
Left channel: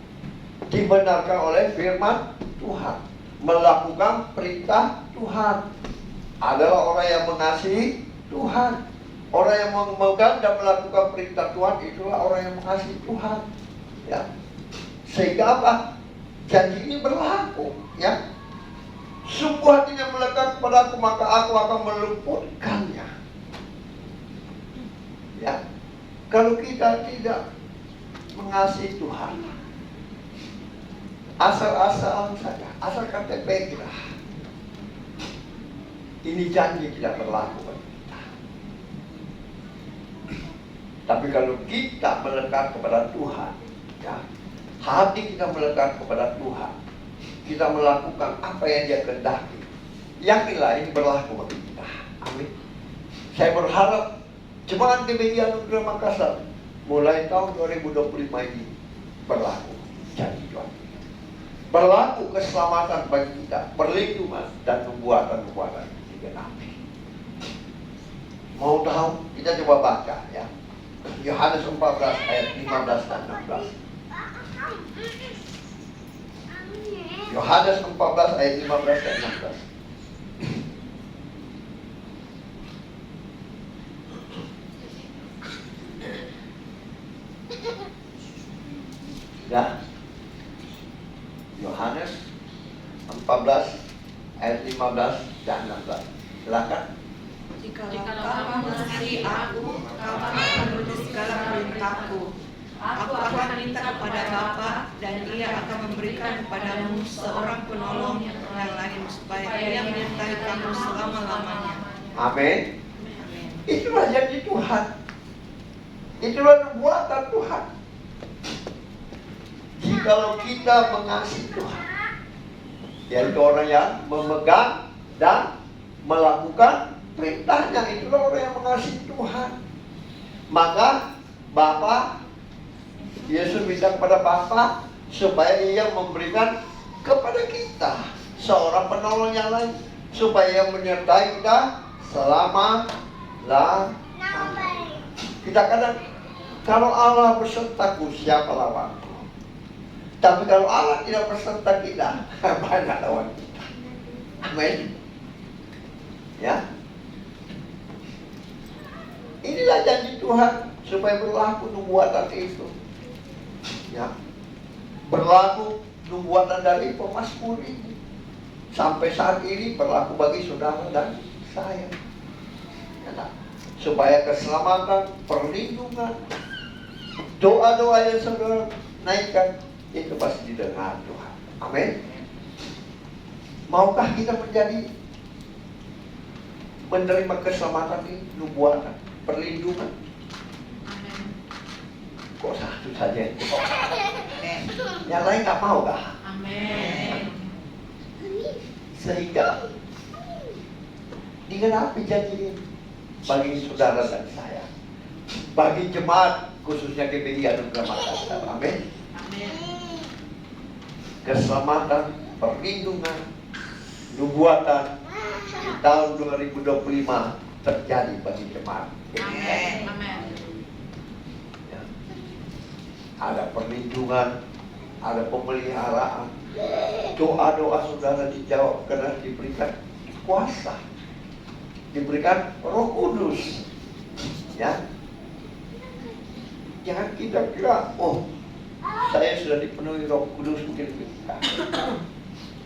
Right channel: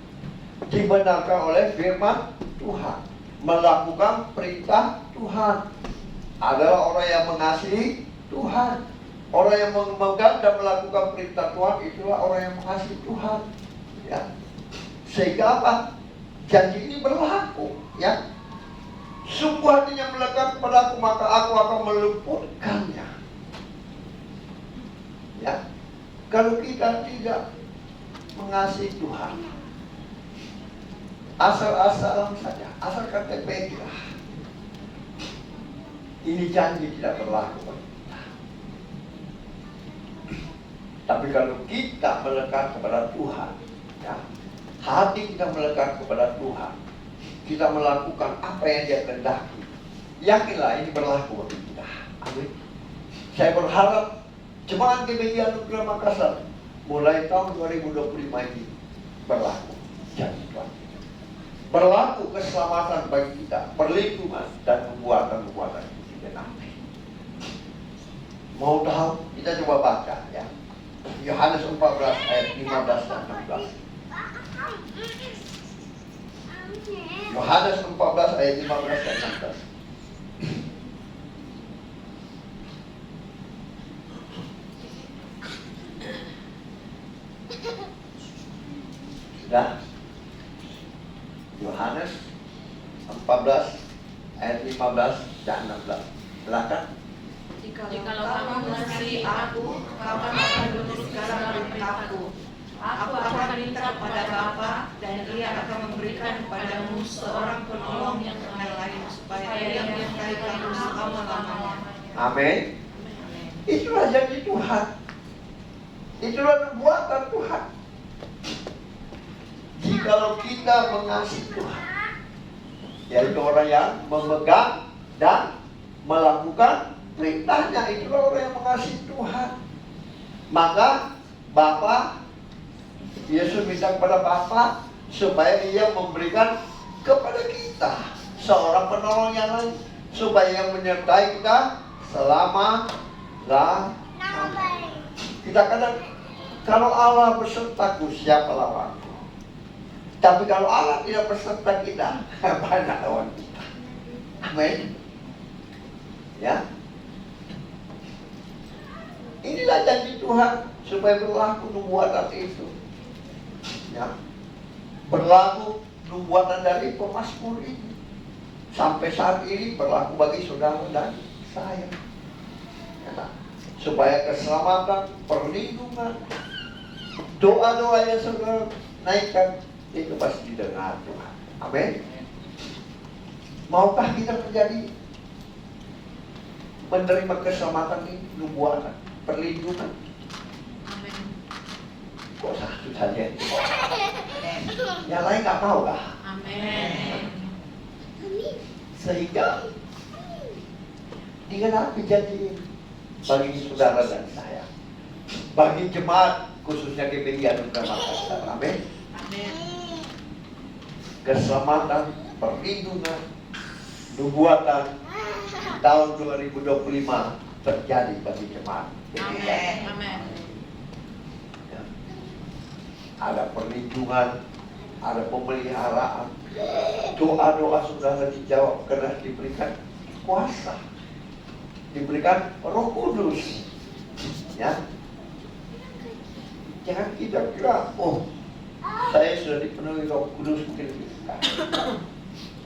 dibenarkan oleh firman Tuhan, melakukan perintah Tuhan, adalah orang yang mengasihi Tuhan. Orang yang memegang dan melakukan perintah Tuhan itulah orang yang mengasihi Tuhan. Ya. Sehingga apa? Janji ini berlaku, ya. Sungguh hatinya melekat kepadaku, maka aku akan meluputkannya. Ya, kalau kita tidak mengasihi Tuhan, asal-asalan saja, asal KTP kita, ini janji tidak berlaku bagi kita. Tapi kalau kita melekat kepada Tuhan, ya, hati kita melekat kepada Tuhan, kita melakukan apa yang Dia kehendaki, yakinlah ini berlaku bagi kita. Amin. Saya berharap Jemaat GBI Anugerah Makassar mulai tahun 2025 ini berlaku janji Tuhan. Berlaku keselamatan bagi kita, perlindungan dan nubuatan-nubuatan digenapi. Mau tahu? Kita coba baca, ya. Yohanes 14 ayat 15 dan 16. Yohanes 14 ayat 15 dan 16. Ya. Yohanes 14 ayat 15 dan 16. Silakan. Jikalau kamu mengasihi aku, kamu akan menulis segala perintahku. Aku akan minta kepada Bapa, dan Ia akan memberikan kepadamu seorang penolong yang lain, supaya Ia menyertai kamu selama-lamanya. Amin. Itulah janji Tuhan. Itulah nubuatan Tuhan. Jikalau kita mengasihi Tuhan, yaitu orang yang memegang dan melakukan perintahnya, itulah orang yang mengasihi Tuhan. Maka Bapa, Yesus minta kepada Bapa supaya Ia memberikan kepada kita seorang penolong yang lain, supaya menyertai kita selama-lamanya. Kita kadang, kalau Allah besertaku, siapa lawanku? Tapi kalau Allah tidak beserta kita, banyak lawan kita. Amin. Ya. Inilah janji Tuhan supaya berlaku nubuatan itu. Ya. Berlaku nubuatan dari pemazmur ini. Sampai saat ini berlaku bagi saudara dan saya. Ya. Supaya keselamatan, perlindungan, doa-doa yang saudara naikkan itu pasti didengar Tuhan. Amin. Maukah kita menerima keselamatan ini, nubuatan, perlindungan? Amin. Kok satu saja itu? Yang lain nggak mau kah? Amin. Sehingga digenapi janji ini bagi saudara dan saya, bagi jemaat khususnya GBI Anugerah Makassar. Amin. Amin. Keselamatan, perlindungan, nubuatan di tahun 2025 terjadi bagi jemaat. Amin. Ya. Ada perlindungan, ada pemeliharaan, doa-doa saudara dijawab karena diberikan kuasa, diberikan Roh Kudus. Ya, jangan kita kira, oh, saya sudah dipenuhi Roh Kudus mungkin.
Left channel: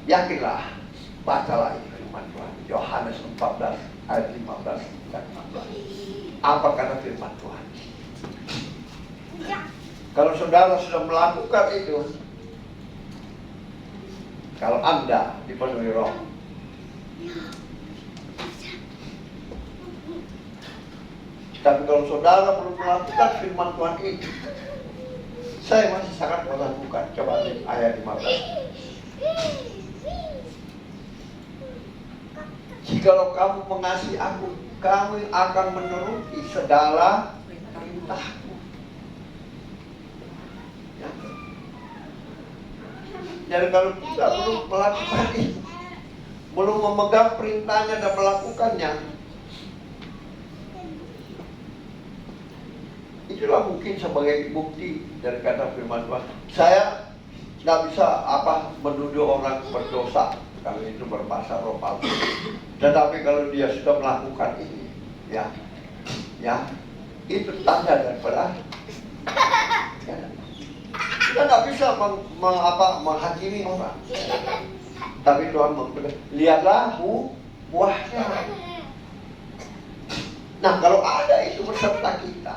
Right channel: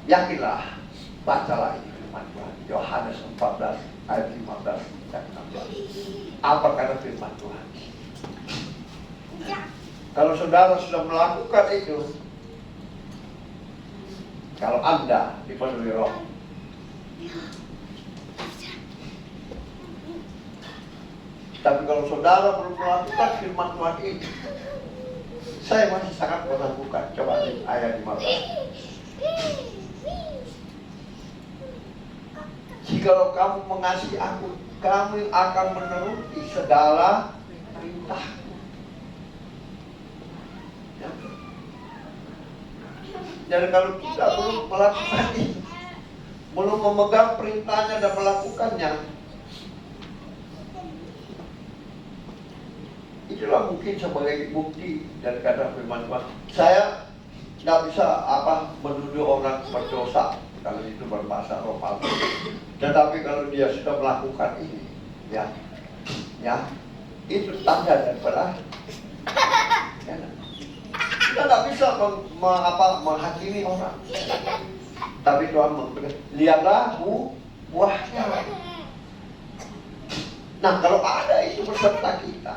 Yakinlah, bacalah firman Tuhan. Yohanes 14 ayat 15 dan 16. Apa kata firman Tuhan? Kalau saudara sudah melakukan itu, Kalau Anda dipenuhi Roh. Tapi kalau saudara belum melakukan firman Tuhan ini, saya masih sangat meragukan. Coba lihat ayat 15. Jikalau kamu mengasihi aku, kamu akan menuruti segala perintahku. Ya. Dan kalau kita belum melakukan itu, belum memegang perintahnya dan melakukannya, itulah mungkin sebagai bukti dari kata firman Tuhan. Saya nggak bisa menuduh orang berdosa kalau itu berbahasa roh palsu. Tetapi kalau dia sudah melakukan ini, ya, itu tanda daripada. Ya, kita nggak bisa menghakimi orang. Tapi Tuhan memberi, lihatlah buahnya. Nah, kalau ada itu beserta kita,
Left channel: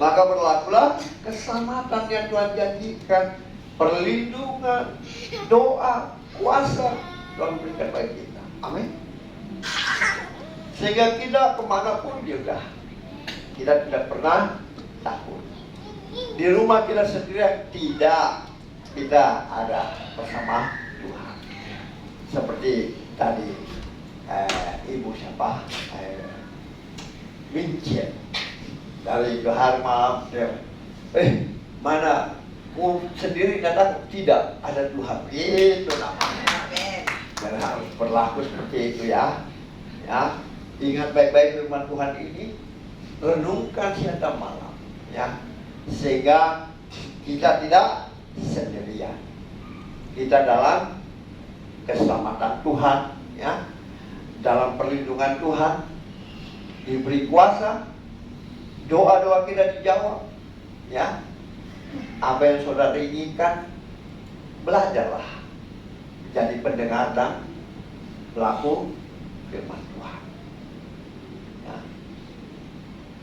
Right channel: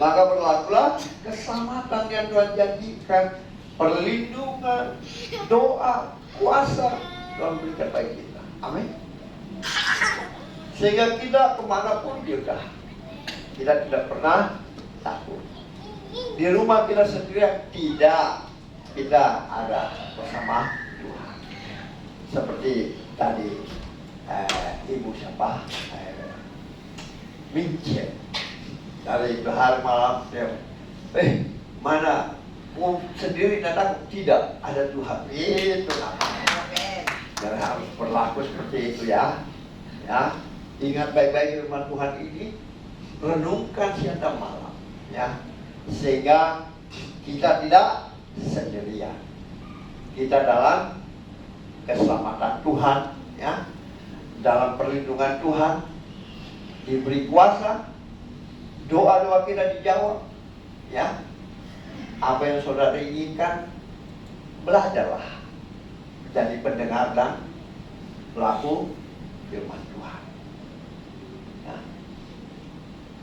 maka berlakulah keselamatan yang Tuhan janjikan, perlindungan, doa, kuasa Tuhan berikan bagi kita. Amin. Sehingga kita kemanapun juga, kita tidak pernah takut. Di rumah kita sendiri tidak, kita ada bersama Tuhan. Seperti tadi Ibu siapa? Vincent. Dari hari malam dia, mana sendiri datang, tidak ada Tuhan. Itu namanya. Dan harus berlaku seperti itu ya. Ya, ingat baik-baik firman Tuhan ini, renungkan siang dan malam, ya, sehingga kita tidak sendirian. Kita dalam keselamatan Tuhan, ya, dalam perlindungan Tuhan, diberi kuasa. Doa-doa kita dijawab, ya. Apa yang saudara inginkan, belajarlah jadi pendengar dan pelaku firman Tuhan. Ya.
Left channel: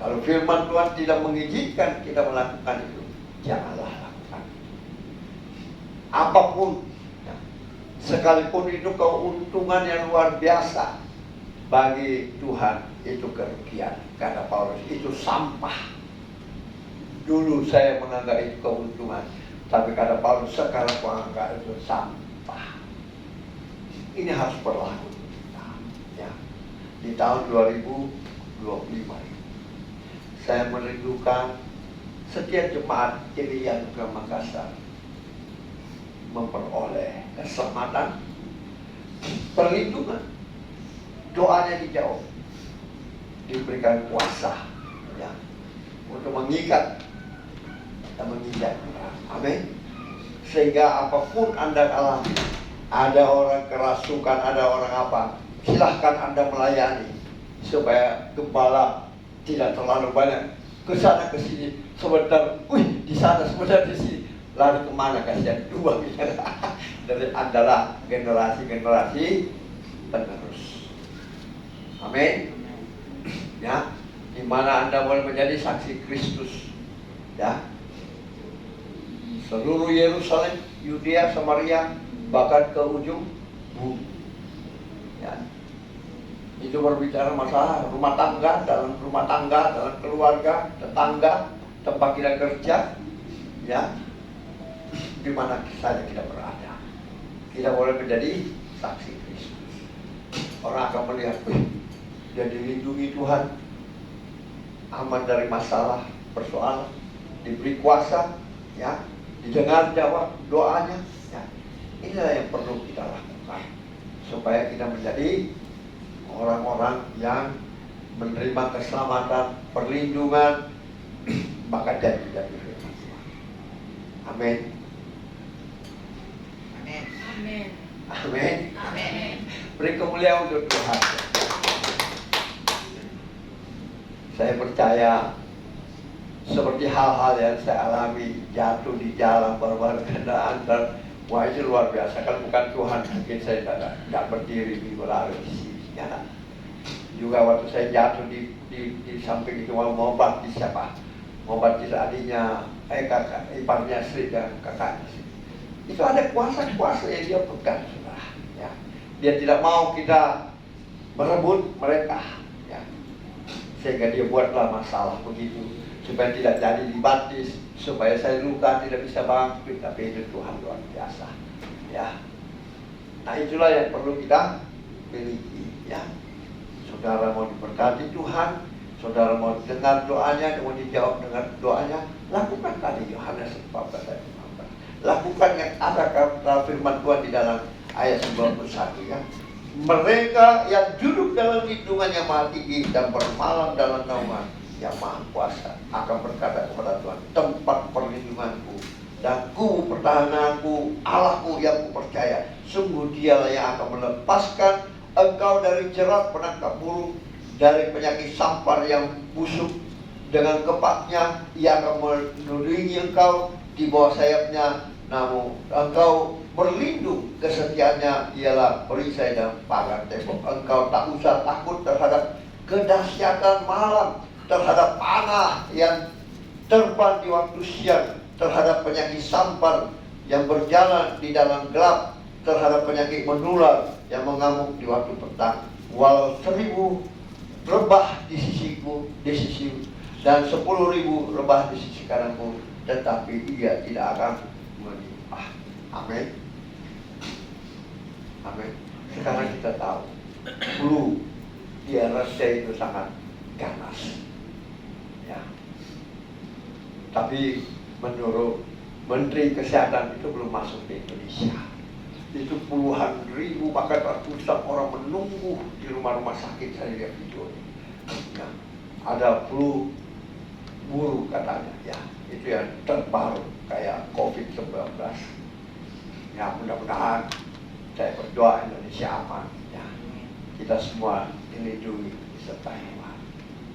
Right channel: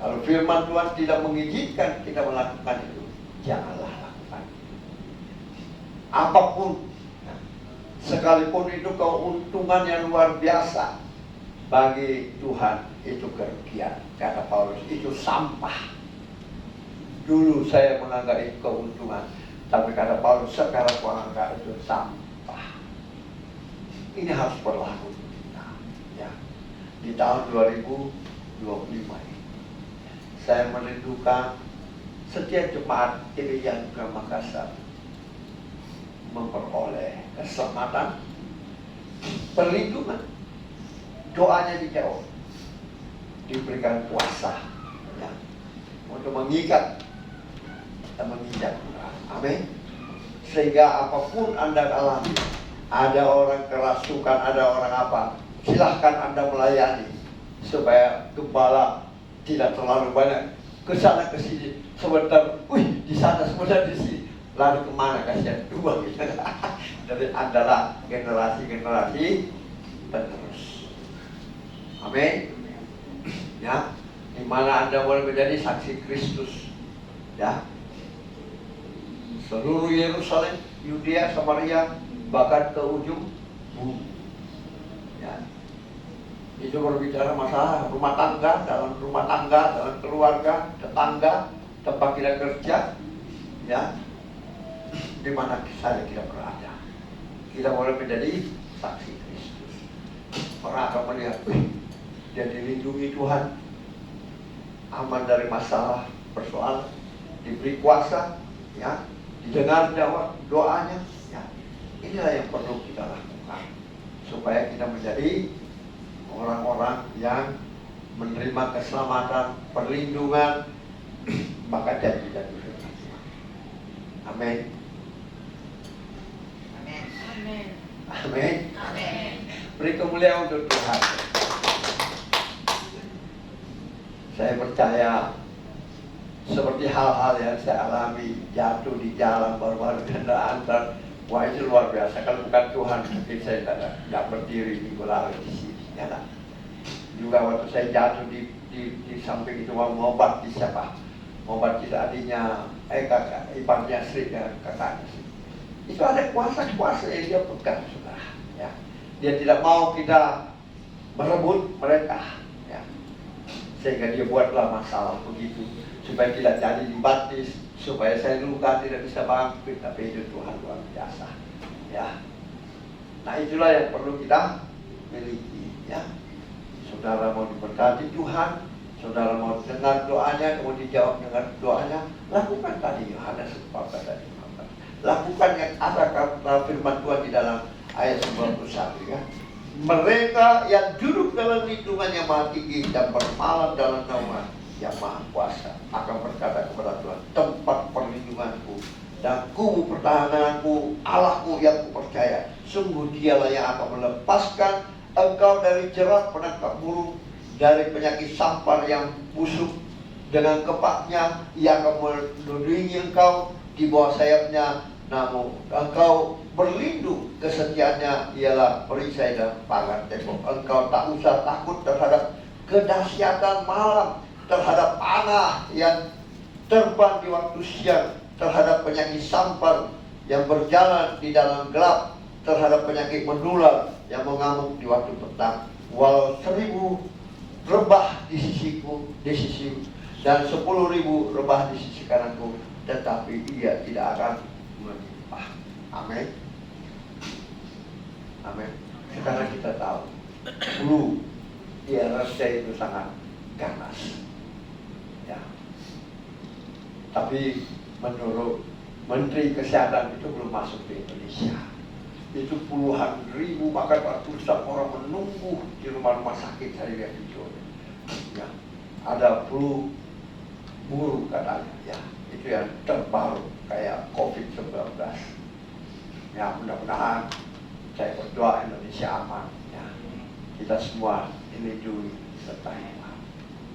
Kalau firman Tuhan tidak mengizinkan kita melakukan itu, janganlah lakukan. Apapun, ya, sekalipun itu keuntungan yang luar biasa bagi Tuhan, itu kerugian. Kata Paulus, itu sampah. Dulu saya menganggap itu keuntungan, tapi kata Paulus, sekarang aku anggap itu sampah. Ini harus berlaku kita, ya. Di tahun 2025 ini, saya merindukan setiap jemaat gereja di Makassar memperoleh keselamatan, perlindungan, doanya dijawab, diberikan kuasa, ya, untuk mengikat dan menginjak. Amin. Sehingga apapun Anda alami, ada orang kerasukan, ada orang apa, silahkan Anda melayani supaya gembala tidak terlalu banyak kesana kesini. Sebentar, di sana, sebentar di sini, lalu kemana, kasihan dua gitu. Dari adalah generasi penerus. Amin. Ya, di mana Anda boleh menjadi saksi Kristus, ya. Seluruh Yerusalem, Yudea, Samaria, bahkan ke ujung bumi. Ya. Itu berbicara masalah rumah tangga, dalam keluarga, tetangga, tempat kita kerja, ya. Di mana saja kita berada, kita boleh menjadi saksi Kristus. Orang akan melihat, dia dilindungi Tuhan, aman dari masalah, persoalan, diberi kuasa, ya, didengar jawab doanya, ya. Inilah yang perlu kita lakukan supaya kita menjadi orang-orang yang menerima keselamatan, perlindungan, maka jadi firman Tuhan. Amin. Amin. Amin. Amin. Beri kemuliaan untuk Tuhan. Saya percaya seperti hal-hal yang saya alami, jatuh di jalan, baru-baru kendaraan, wah itu luar biasa. Kalau bukan Tuhan, mungkin saya tidak berdiri di lalu di sini. Ya, juga waktu saya jatuh di samping itu, mau bakti siapa? Mau bakti adiknya, kakak, iparnya Sri dan kakaknya Sri. Itu ada kuasa-kuasa yang dia pegang, saudara. Ya. Dia tidak mau kita merebut mereka, ya. Sehingga dia buatlah masalah begitu, supaya tidak jadi dibaptis, supaya saya luka tidak bisa bangkit. Tapi itu Tuhan luar biasa, ya. Nah itulah yang perlu kita miliki, ya. Saudara mau diberkati Tuhan, saudara mau dengar doanya, mau dijawab dengan doanya, lakukan tadi Yohanes 14 ayat 15. Lakukan yang ada kata firman Tuhan di dalam ayat 91, ya. Mereka yang duduk dalam lindungan yang maha tinggi dan bermalam dalam naungan yang maha kuasa akan berkata kepada Tuhan, tempat perlindunganku dan kubu pertahananku, Allahku yang kupercaya. Sungguh dialah yang akan melepaskan engkau dari jerat penangkap burung, dari penyakit sampar yang busuk. Dengan kepaknya ia akan melindungi engkau, di bawah sayapnya namun engkau berlindung. Kesetiaannya ialah perisai dan pagar tembok. Engkau tak usah takut terhadap kedahsyatan malam, terhadap panah yang terbang di waktu siang, terhadap penyakit sampar yang berjalan di dalam gelap, terhadap penyakit menular yang mengamuk di waktu petang. Walau 1000 rebah di sisiku, dan 10.000 rebah di sisi kananku, tetapi ia tidak akan menimpa. Amin. Amin. Sekarang kita tahu, dulu di RRC itu sangat ganas, ya. Tapi menurut Menteri Kesehatan itu belum masuk ke Indonesia. Itu puluhan ribu bahkan ratusan orang menunggu di rumah-rumah sakit. Saya lihat videonya, ya. Ada flu burung katanya, ya. Itu yang terbaru kayak COVID-19. Ya, mudah-mudahan saya berdoa Indonesia aman, ya. Kita semua dilindungi serta iman.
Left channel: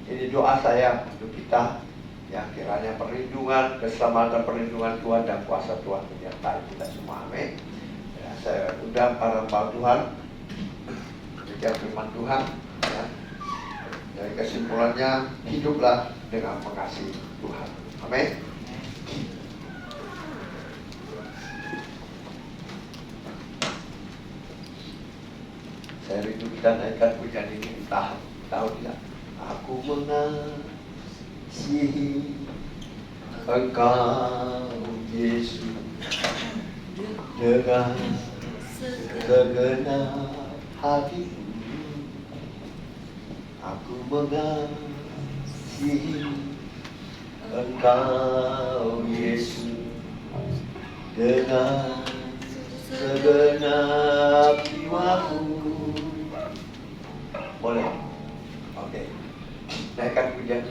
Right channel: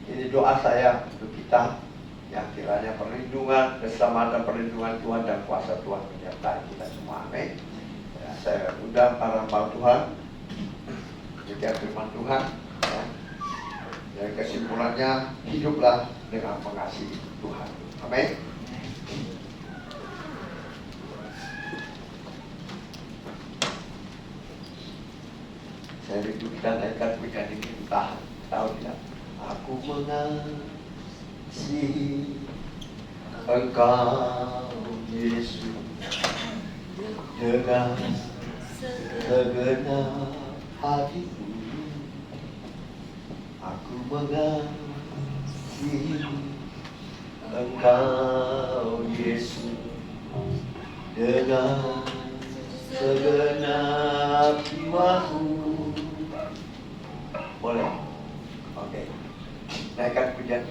Ini doa saya untuk kita, ya, kiranya perlindungan, keselamatan, perlindungan Tuhan dan kuasa Tuhan menyertai kita semua. Amin. Ya, saya undang para hamba Tuhan demikian firman Tuhan, ya. Dan kesimpulannya, hiduplah dengan mengasihi Tuhan. Amin. Saya rindu kita naikkan pujian ini, tahu tidak? Aku mengasihi Engkau Yesus dengan segenap hatiku. Aku mengasihi Engkau Yesus dengan segenap jiwaku. Boleh? Oke. Naikkan pujian.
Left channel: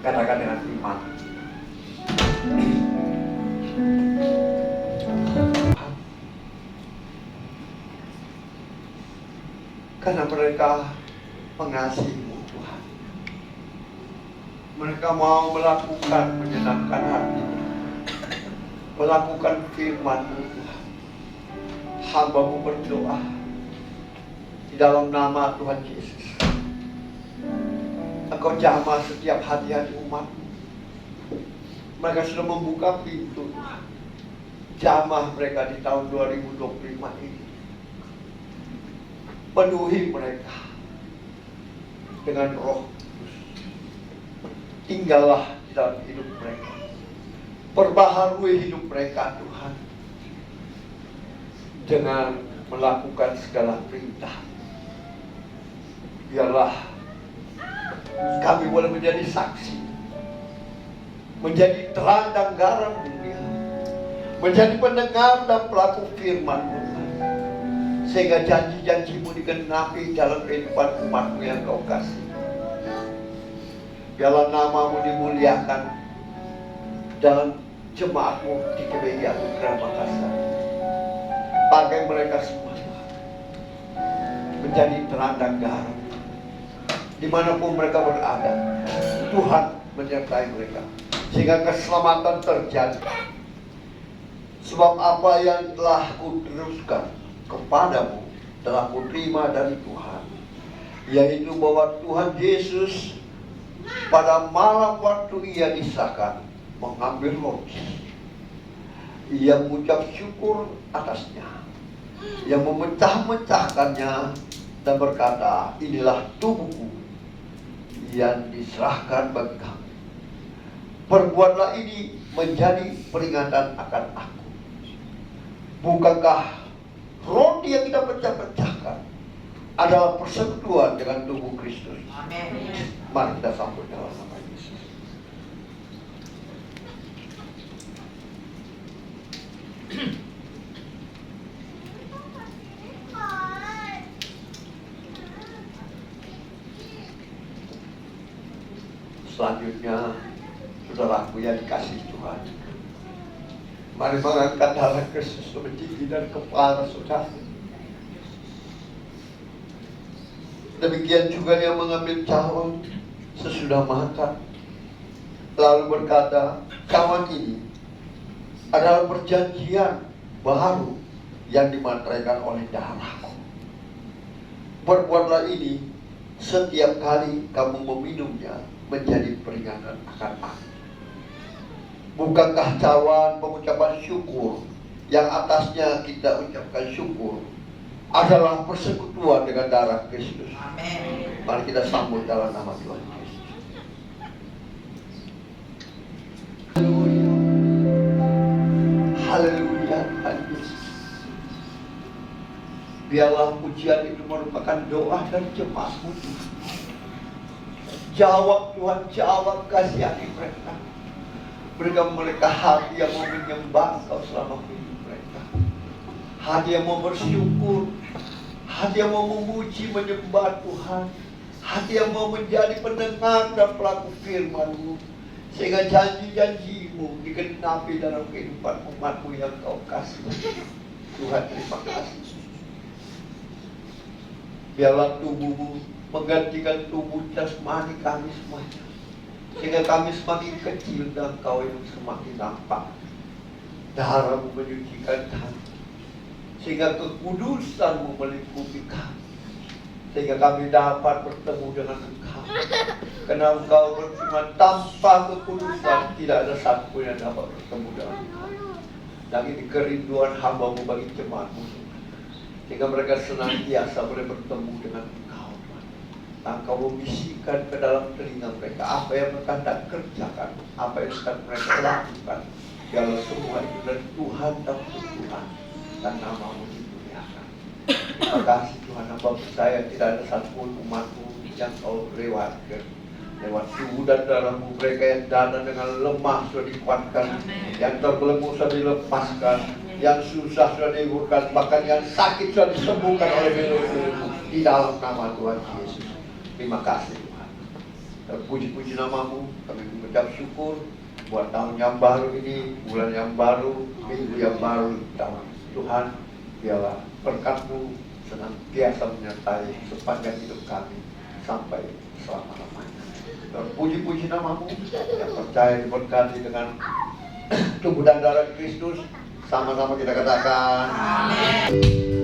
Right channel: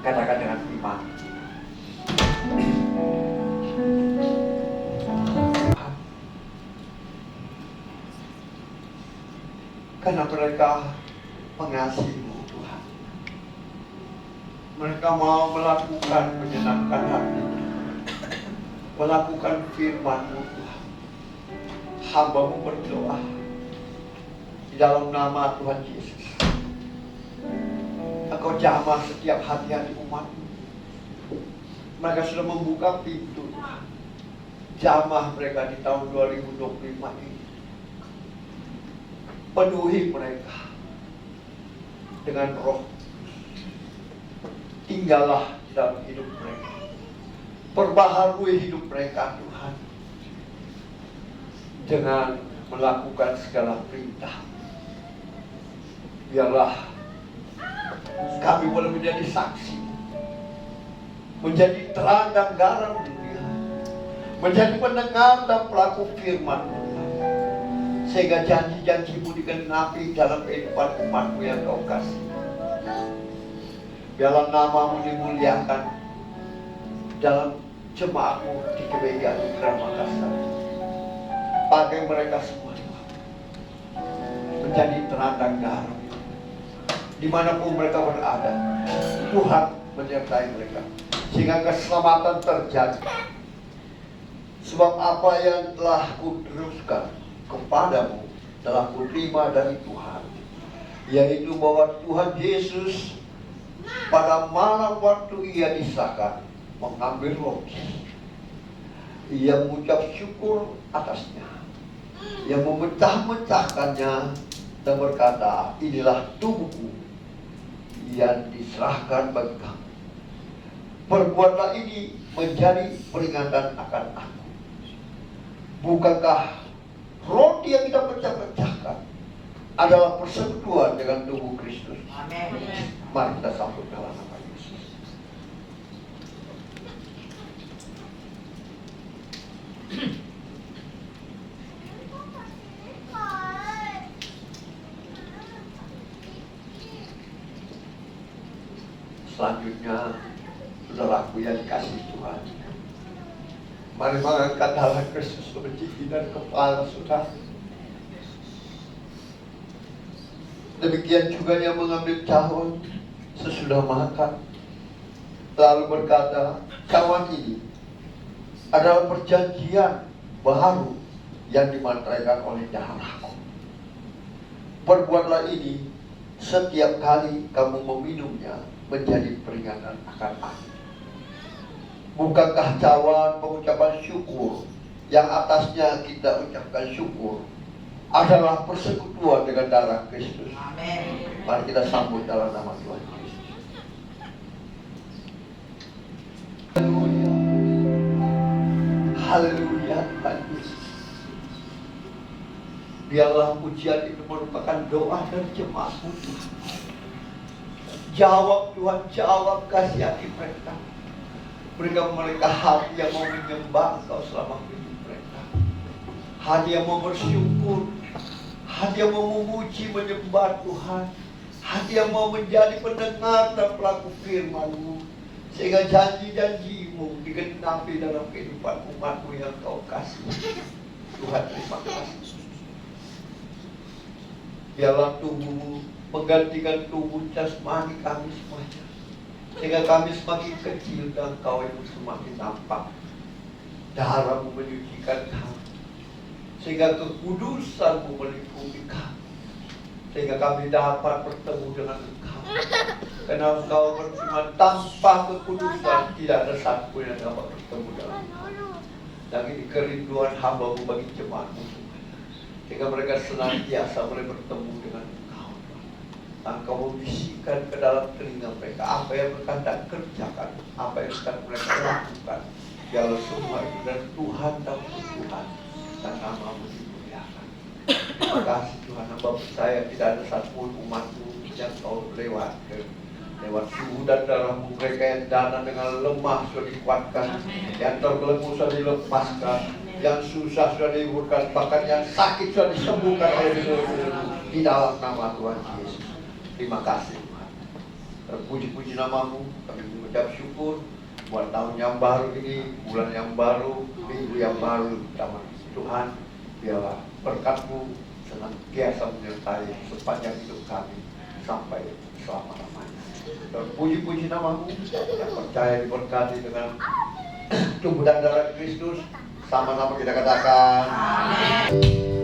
Katakan dengan iman. Karena mereka mengasihi-Mu, Tuhan. Mereka mau melakukan menyenangkan hati, melakukan firman-Mu, Tuhan. Hamba-Mu berdoa di dalam nama Tuhan Yesus. Engkau jamah setiap hati-hati umat-Mu. Mereka sudah membuka pintu, Tuhan. Jamah mereka di tahun 2025 ini. Penuhi mereka dengan Roh Kudus. Tinggallah di dalam hidup mereka. Perbaharui hidup mereka, Tuhan, dengan melakukan segala perintah. Biarlah kami boleh menjadi saksi, menjadi terang dan garam dunia, menjadi pendengar dan pelaku firman-Mu, sehingga janji-janji-Mu digenapi dalam kehidupan umat-Mu yang Kau kasih. Biarlah nama-Mu dimuliakan dalam jemaat-Mu di GBI Anugerah Makassar. Pakai mereka semua menjadi terang dan garam dimanapun mereka berada. Tuhan menyertai mereka sehingga keselamatan terjadi. Sebab apa yang telah Kuteruskan kepadamu telah Kuterima dari Tuhan, yaitu bahwa Tuhan Yesus pada malam waktu Ia disahkan mengambil roti, Ia mengucap syukur atasnya. Ia memecah-mecahkannya dan berkata, inilah tubuhku yang diserahkan bagi kamu. Perbuatlah ini menjadi peringatan akan aku. Bukankah roti yang kita pecah-pecahkan adalah persekutuan dengan tubuh Kristus? Amin. Mari kita sambut dalam nama Yesus. Selanjutnya, saudaraku yang dikasihi Tuhan, mari mengangkat darah Kristus menjadi dan kepala saudara. Demikian juga yang mengambil cawan sesudah makan, lalu berkata, cawan ini adalah perjanjian baru yang dimateraikan oleh darahku. Perbuatlah ini setiap kali kamu meminumnya menjadi peringatan akan aku. Bukankah cawan pengucapan syukur yang atasnya kita ucapkan syukur adalah persekutuan dengan darah Kristus? Amin. Mari kita sambut dalam nama Tuhan Yesus. Haleluya. Haleluya. Haleluya. Biarlah pujian itu merupakan doa dan jemaatmu Tuhan. Jawab Tuhan, jawab, kasihani mereka. Berikan mereka hati yang mau menyembah Engkau selama hidup mereka. Hati yang mau bersyukur, hati yang mau memuji, menyembah Tuhan, hati yang mau menjadi pendengar dan pelaku firman-Mu, sehingga janji-janji-Mu digenapi dalam kehidupan umat-Mu yang Kau kasih. Tuhan, terima kasih. Biarlah tubuh-Mu menggantikan tubuh jasmani kami semuanya, sehingga kami semakin kecil dan Kau yang semakin nampak. Darah-Mu menyucikan kami, sehingga kekudusan-Mu melingkupi kami, sehingga kami dapat bertemu dengan Engkau. Karena Engkau berfirman, tanpa kekudusan tidak ada satu yang dapat bertemu dengan Engkau. Dan ini kerinduan hamba-Mu bagi jemaat-Mu, sehingga mereka senantiasa boleh bertemu dengan Engkau, Tuhan. Dan Engkau membisikkan ke dalam telinga mereka apa yang mereka hendak kerjakan, apa yang sedang mereka lakukan. Biarlah semua itu dan Tuhan dan Tuhan dan nama-Mu dimuliakan. Terima kasih Tuhan, hamba percaya tidak ada satu umat-Mu yang Kau lewatkan. Lewat tubuh dan darah-Mu mereka yang dana dengan lemah sudah dikuatkan, yang terbelenggu sudah dilepaskan, yang susah sudah dihiburkan, bahkan yang sakit sudah disembuhkan oleh Tuhan di dalam nama Tuhan Yesus. Terima kasih Tuhan. Terpuji-puji nama-Mu, kami mengucap syukur buat tahun yang baru ini, bulan yang baru, minggu yang baru. Tuhan, biarlah berkat-Mu senantiasa menyertai sepanjang hidup kami sampai selama-lamanya. Terpuji-puji nama-Mu yang percaya diberkati dengan tubuh dan darah Kristus. Sama-sama kita katakan amin.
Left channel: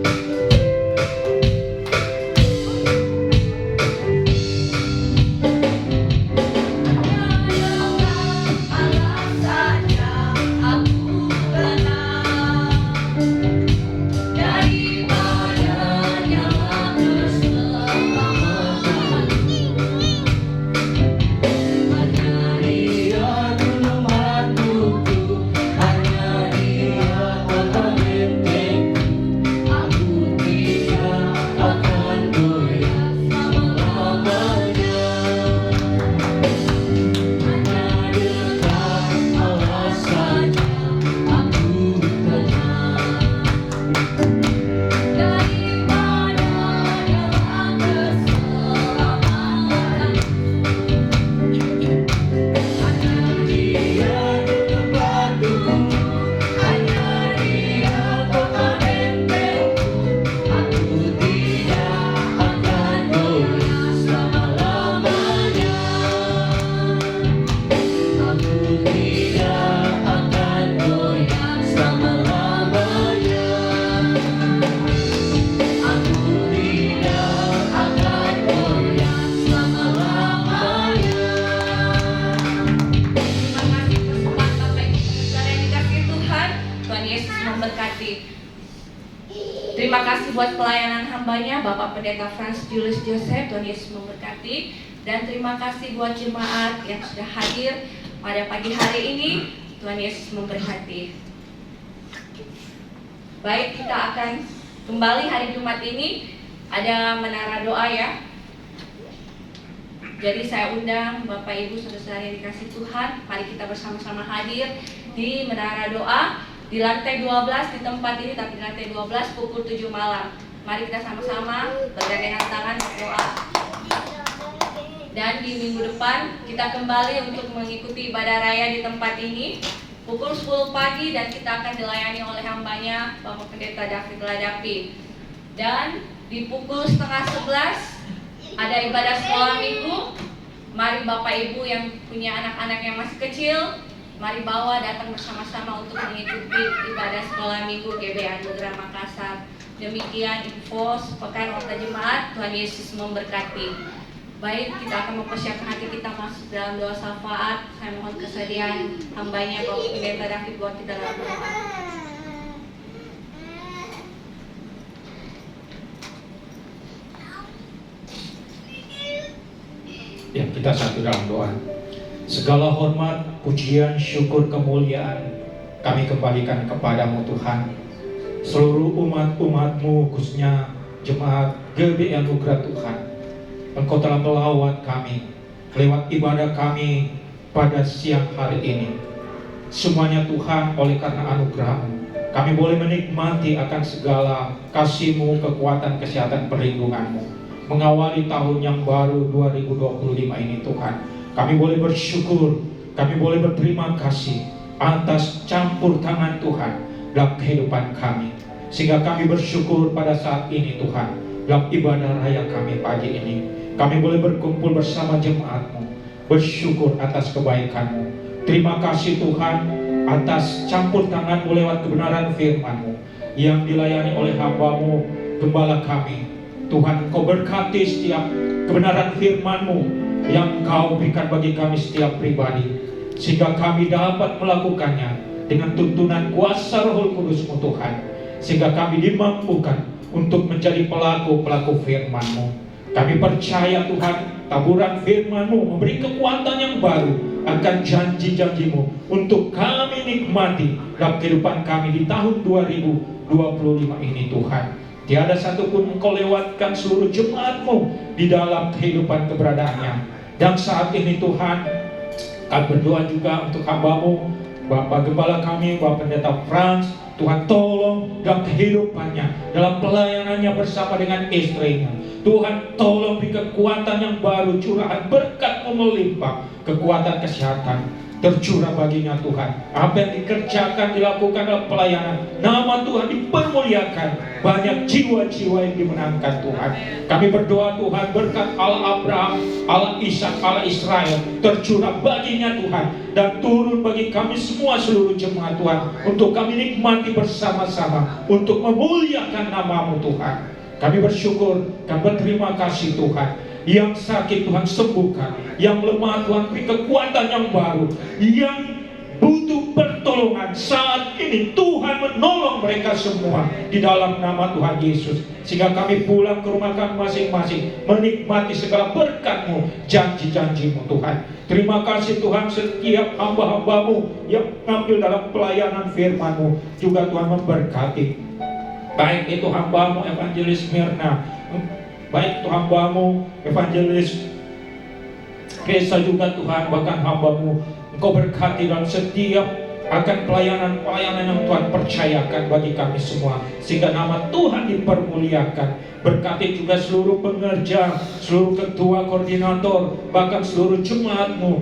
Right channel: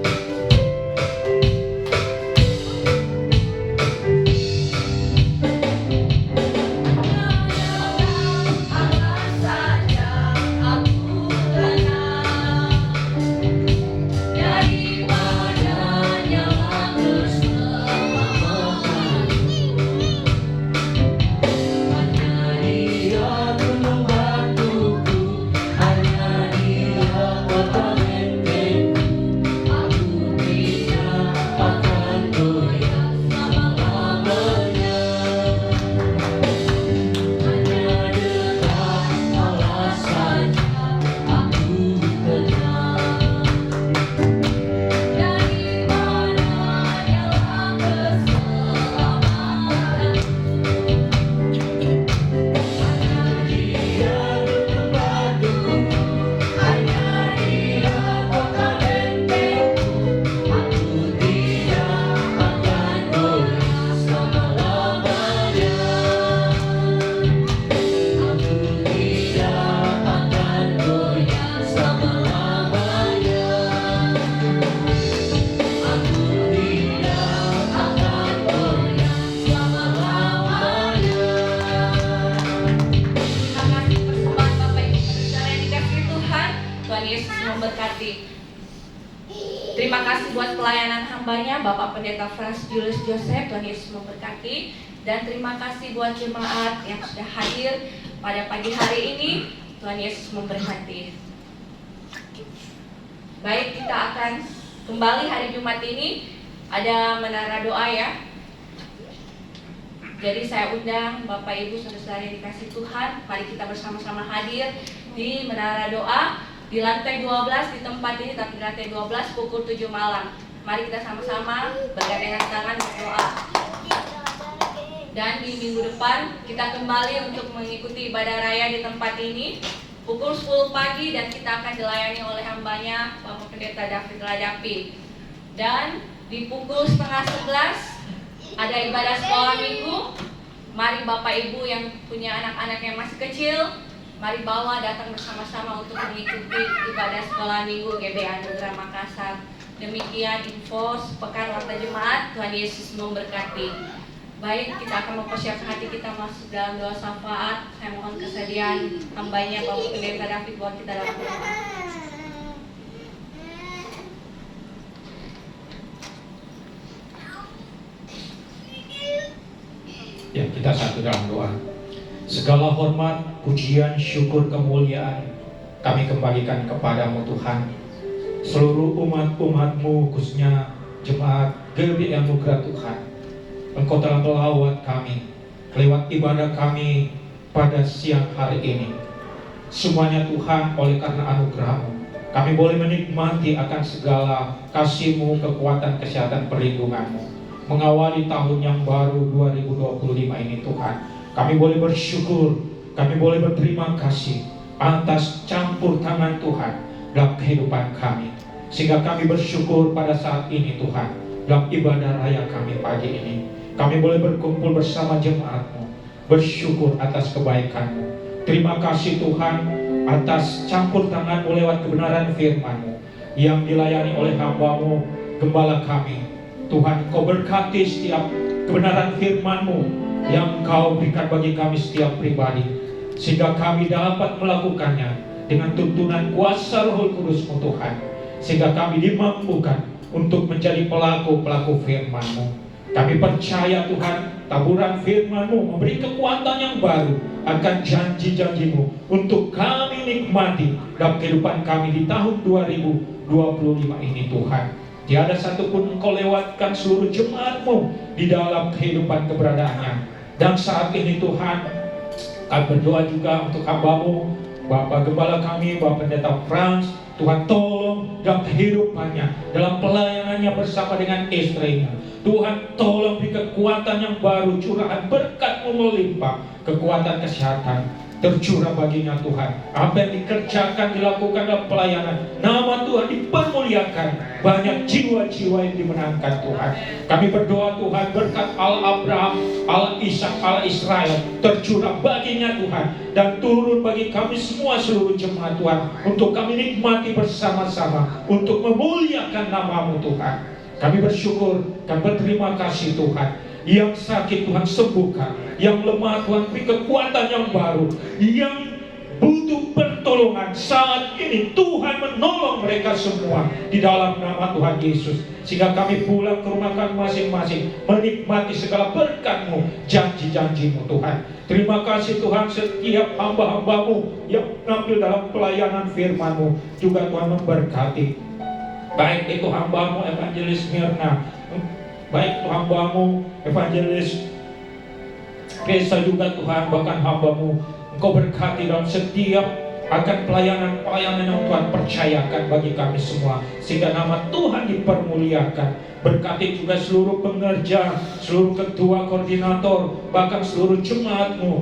hambanya Bapak Pendeta Franz Julius Joseph. Tuhan Yesus memberkati. Dan terima kasih buat jemaat yang sudah hadir pada pagi hari ini. Tuhan Yesus memberkati. Baik, kita akan kembali hari Jumat ini. Ada menara doa ya. Jadi saya undang Bapak Ibu saudara-saudara yang dikasih Tuhan, mari kita bersama-sama hadir di menara doa di lantai 12 di tempat ini, tapi di lantai 12 pukul 7 malam. Mari kita sama-sama bergandengan tangan berdoa. Dan di minggu depan kita kembali untuk mengikuti ibadah raya di tempat ini pukul 10 pagi, dan kita akan dilayani oleh hambanya Bapak Pendeta David Ladapi. Dan di pukul setengah 11 ada ibadah sekolah minggu. Mari Bapak Ibu yang punya anak-anak yang masih kecil, mari bawa datang bersama-sama untuk mengikuti ibadah sekolah minggu GBI Anugerah Makassar. Demikian info sepekan warta jemaat. Tuhan Yesus memberkati. Baik, kita akan mempersiapkan hati kita masuk dalam doa syafaat. Saya mohon kesediaan hambanya Bapak Pendeta David buat kita dalam doa. Ya, kita satu dalam doa. Segala hormat, pujian, syukur, kemuliaan kami kembalikan kepadamu Tuhan. Seluruh umat-umatmu, khususnya jemaat GBI Anugerah Tuhan, Engkau telah melawat kami lewat ibadah kami pada siang hari ini. Semuanya Tuhan, oleh karena anugerah-Mu, kami boleh menikmati akan segala kasih-Mu, kekuatan, kesehatan, perlindungan-Mu mengawali tahun yang baru 2025 ini Tuhan. Kami boleh bersyukur, kami boleh berterima kasih atas campur tangan Tuhan dalam kehidupan kami, sehingga kami bersyukur pada saat ini Tuhan. Dalam ibadah raya kami pagi ini, kami boleh berkumpul bersama jemaat-Mu, bersyukur atas kebaikan-Mu. Terima kasih Tuhan atas campur tangan-Mu lewat kebenaran firman-Mu yang dilayani oleh hamba-Mu, gembala kami. Tuhan, Kau berkati setiap kebenaran firman-Mu yang Kau berikan bagi kami setiap pribadi, sehingga kami dapat melakukannya dengan tuntunan kuasa Roh Kudus-Mu Tuhan, sehingga kami dimampukan untuk menjadi pelaku-pelaku firman-Mu. Kami percaya Tuhan, taburan firman-Mu memberi kekuatan yang baru akan janji-janji-Mu untuk kami nikmati dalam kehidupan kami di tahun 2025 ini Tuhan. Tiada satupun Engkau lewatkan seluruh jemaat-Mu di dalam kehidupan keberadaannya. Dan saat ini Tuhan, kami berdoa juga untuk hamba-Mu, Bapak Gembala kami, Bapak Pendeta Franz. Tuhan tolong dalam kehidupannya, dalam pelayanannya bersama dengan istrinya. Tuhan tolong beri kekuatan yang baru, curahan berkat-Mu melimpah, kekuatan kesehatan tercurah baginya Tuhan. Apa yang dikerjakan, dilakukan dalam pelayanan, nama Tuhan dipermuliakan, banyak jiwa-jiwa yang dimenangkan Tuhan. Kami berdoa Tuhan, berkat Allah Abraham, Allah Ishak, Allah Israel tercurah baginya Tuhan, dan turun bagi kami semua seluruh jemaat Tuhan, untuk kami nikmati bersama-sama, untuk memuliakan nama-Mu Tuhan. Kami bersyukur dan berterima kasih Tuhan. Yang sakit Tuhan sembuhkan, yang lemah Tuhan beri kekuatan yang baru, yang butuh pertolongan saat ini Tuhan menolong mereka semua di dalam nama Tuhan Yesus, sehingga kami pulang ke rumah kami masing-masing menikmati segala berkat-Mu, janji-janji-Mu Tuhan. Terima kasih Tuhan, setiap hamba-hamba-Mu yang tampil dalam pelayanan firman-Mu juga Tuhan memberkati, baik itu hamba-Mu Evangelis Mirna, baik itu hamba-Mu Evangelis Reza juga Tuhan, bahkan hamba-Mu Engkau berkati dalam setiap akan pelayanan-pelayanan yang Tuhan percayakan bagi kami semua, sehingga nama Tuhan dipermuliakan. Berkati juga seluruh pengerja, seluruh ketua koordinator, bahkan seluruh jemaat-Mu.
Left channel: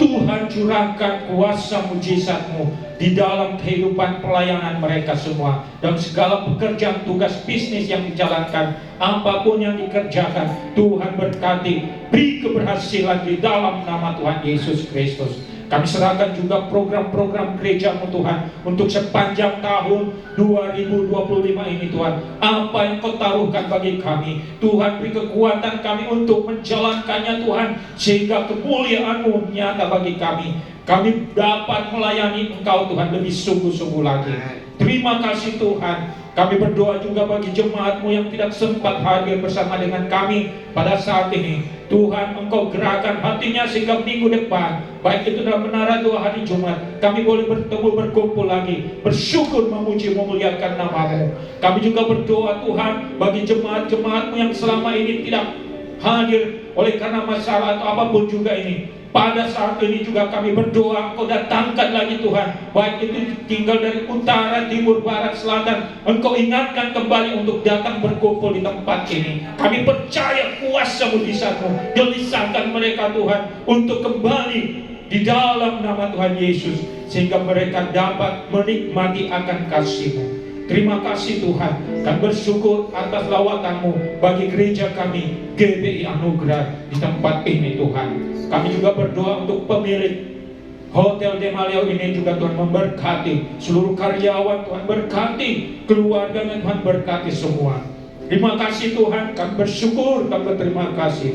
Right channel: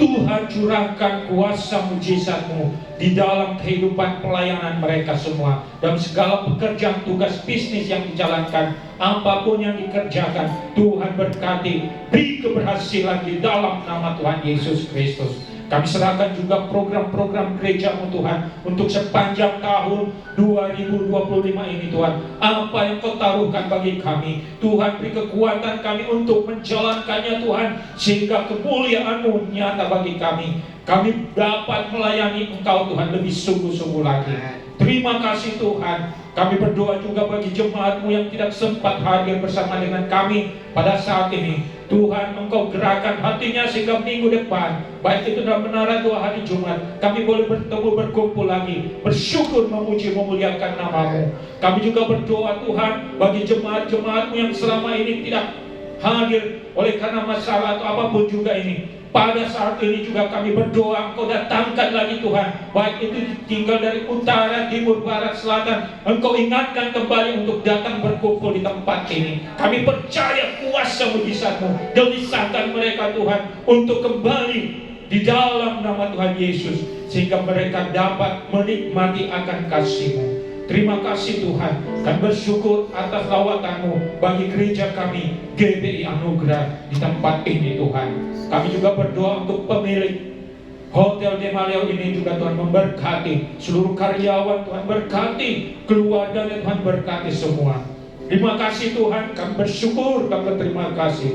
Tuhan curahkan kuasa mujizat-Mu di dalam kehidupan pelayanan mereka semua, dalam segala pekerjaan tugas bisnis yang dijalankan, apapun yang dikerjakan. Tuhan berkati, beri keberhasilan di dalam nama Tuhan Yesus Kristus. Kami serahkan juga program-program gereja-Mu Tuhan untuk sepanjang tahun 2025 ini Tuhan. Apa yang Kau taruhkan bagi kami, Tuhan beri kekuatan kami untuk menjalankannya Tuhan, sehingga kemuliaan-Mu nyata bagi kami. Kami dapat melayani Engkau Tuhan lebih sungguh-sungguh lagi. Terima kasih Tuhan Kami berdoa juga bagi jemaat-Mu yang tidak sempat hadir bersama dengan kami pada saat ini. Tuhan, Engkau gerakkan hatinya sehingga minggu depan, baik itu dalam menara 2 hari Jumat, kami boleh bertemu, berkumpul lagi, bersyukur, memuji, memuliakan nama-Mu. Kami juga berdoa Tuhan bagi jemaat-jemaat-Mu yang selama ini tidak hadir oleh karena masalah atau apapun juga ini. Pada saat ini juga kami berdoa, Engkau datangkan lagi Tuhan, baik itu tinggal dari utara, timur, barat, selatan, Engkau ingatkan kembali untuk datang berkumpul di tempat ini. Kami percaya kuasa mujizat-Mu, gelisahkan mereka Tuhan untuk kembali di dalam nama Tuhan Yesus, sehingga mereka dapat menikmati akan kasih-Mu. Terima kasih Tuhan, dan bersyukur atas lawatan-Mu bagi gereja kami GBI Anugerah di tempat ini Tuhan. Kami juga berdoa untuk pemilik Hotel Demaleo ini juga Tuhan memberkati seluruh karyawan, Tuhan berkati keluarganya, Tuhan berkati semua. Terima kasih Tuhan, kami bersyukur, kami berterima kasih.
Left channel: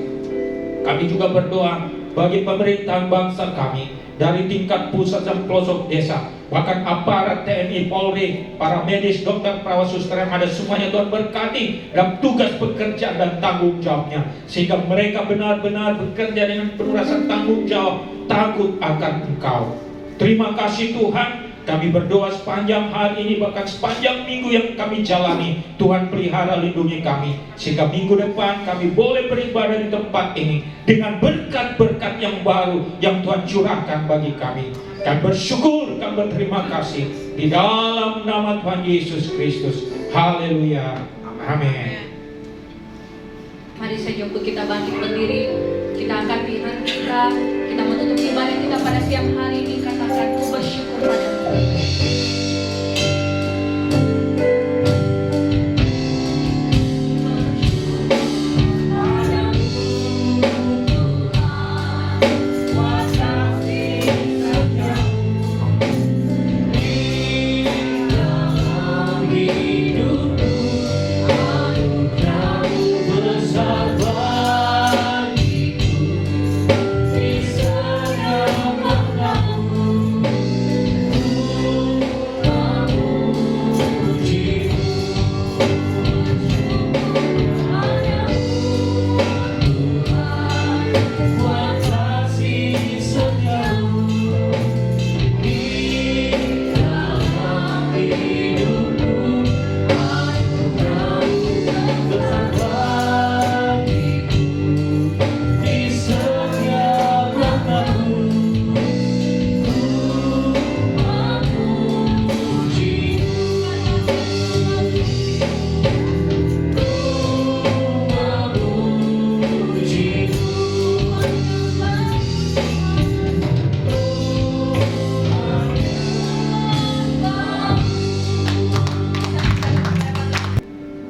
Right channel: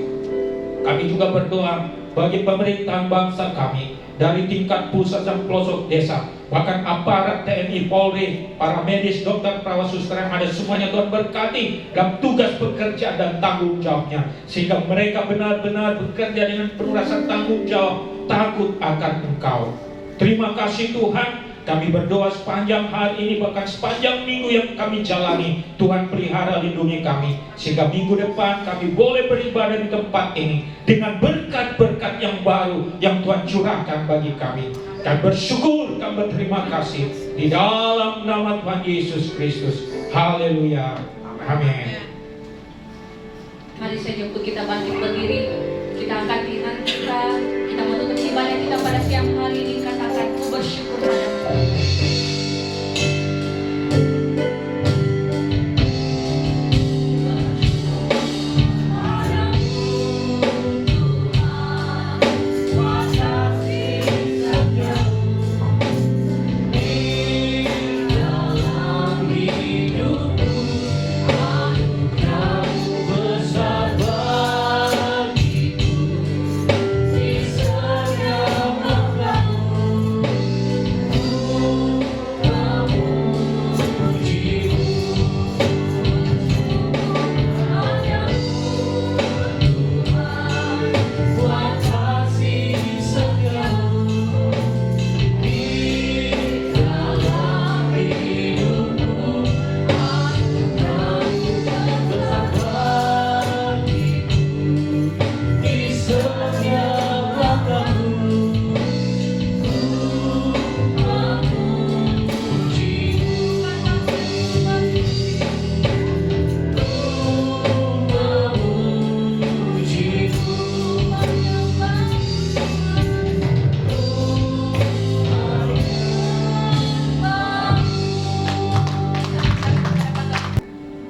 Kami juga berdoa bagi pemerintahan bangsa kami dari tingkat pusat dan pelosok desa, bahkan aparat TNI, Polri, para medis, dokter, perawat, suster yang ada semuanya Tuhan berkati dalam tugas bekerja dan tanggung jawabnya, sehingga mereka benar-benar bekerja dengan penuh rasa tanggung jawab, takut akan Engkau. Terima kasih Tuhan. Kami berdoa sepanjang hari ini, bahkan sepanjang minggu yang kami jalani, Tuhan pelihara lindungi kami, sehingga minggu depan kami boleh beribadah di tempat ini dengan berkat-berkat yang baru yang Tuhan curahkan bagi kami. Kami bersyukur, kami berterima kasih di dalam nama Tuhan Yesus Kristus. Haleluya. Amin. Mari saja untuk kita bangkit berdiri, kita angkat tangan kita menutup ibadah kita pada siang hari ini. Katakan, ku bersyukur padamu.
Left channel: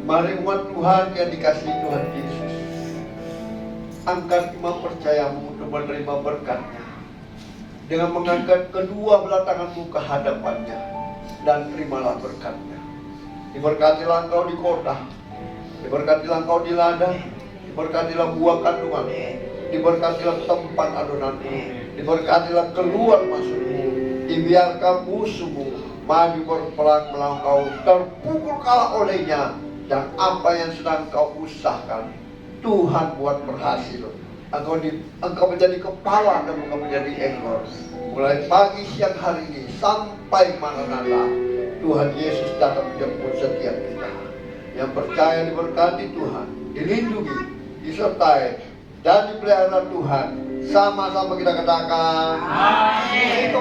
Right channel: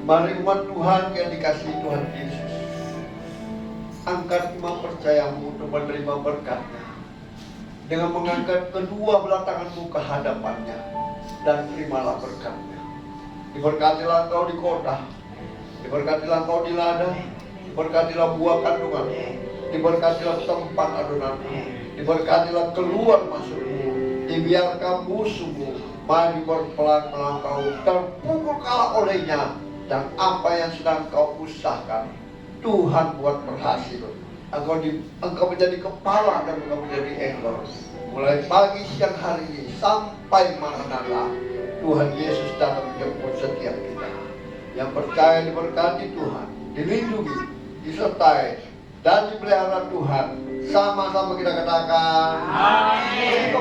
Mari umat Tuhan yang dikasihi Tuhan Yesus, angkat iman percayamu untuk menerima berkatnya dengan mengangkat kedua belah tanganmu ke hadapannya, dan terimalah berkatnya. Diberkatilah engkau di kota, diberkatilah engkau di ladang, diberkatilah buah kandunganmu, diberkatilah tempat adonanmu, diberkatilah keluar masukmu, dibiarkan musuhmu maju berperang melawan, terpukul kalah olehnya, dan apa yang sedang kau usahakan Tuhan buat berhasil. Engkau menjadi kepala dan engkau menjadi ekor. Mulai pagi siang hari ini sampai Maranatha, Tuhan Yesus datang menjemput setiap kita. Yang percaya diberkati Tuhan, dilindungi, disertai, dan dipelihara Tuhan. Sama-sama kita katakan, amin.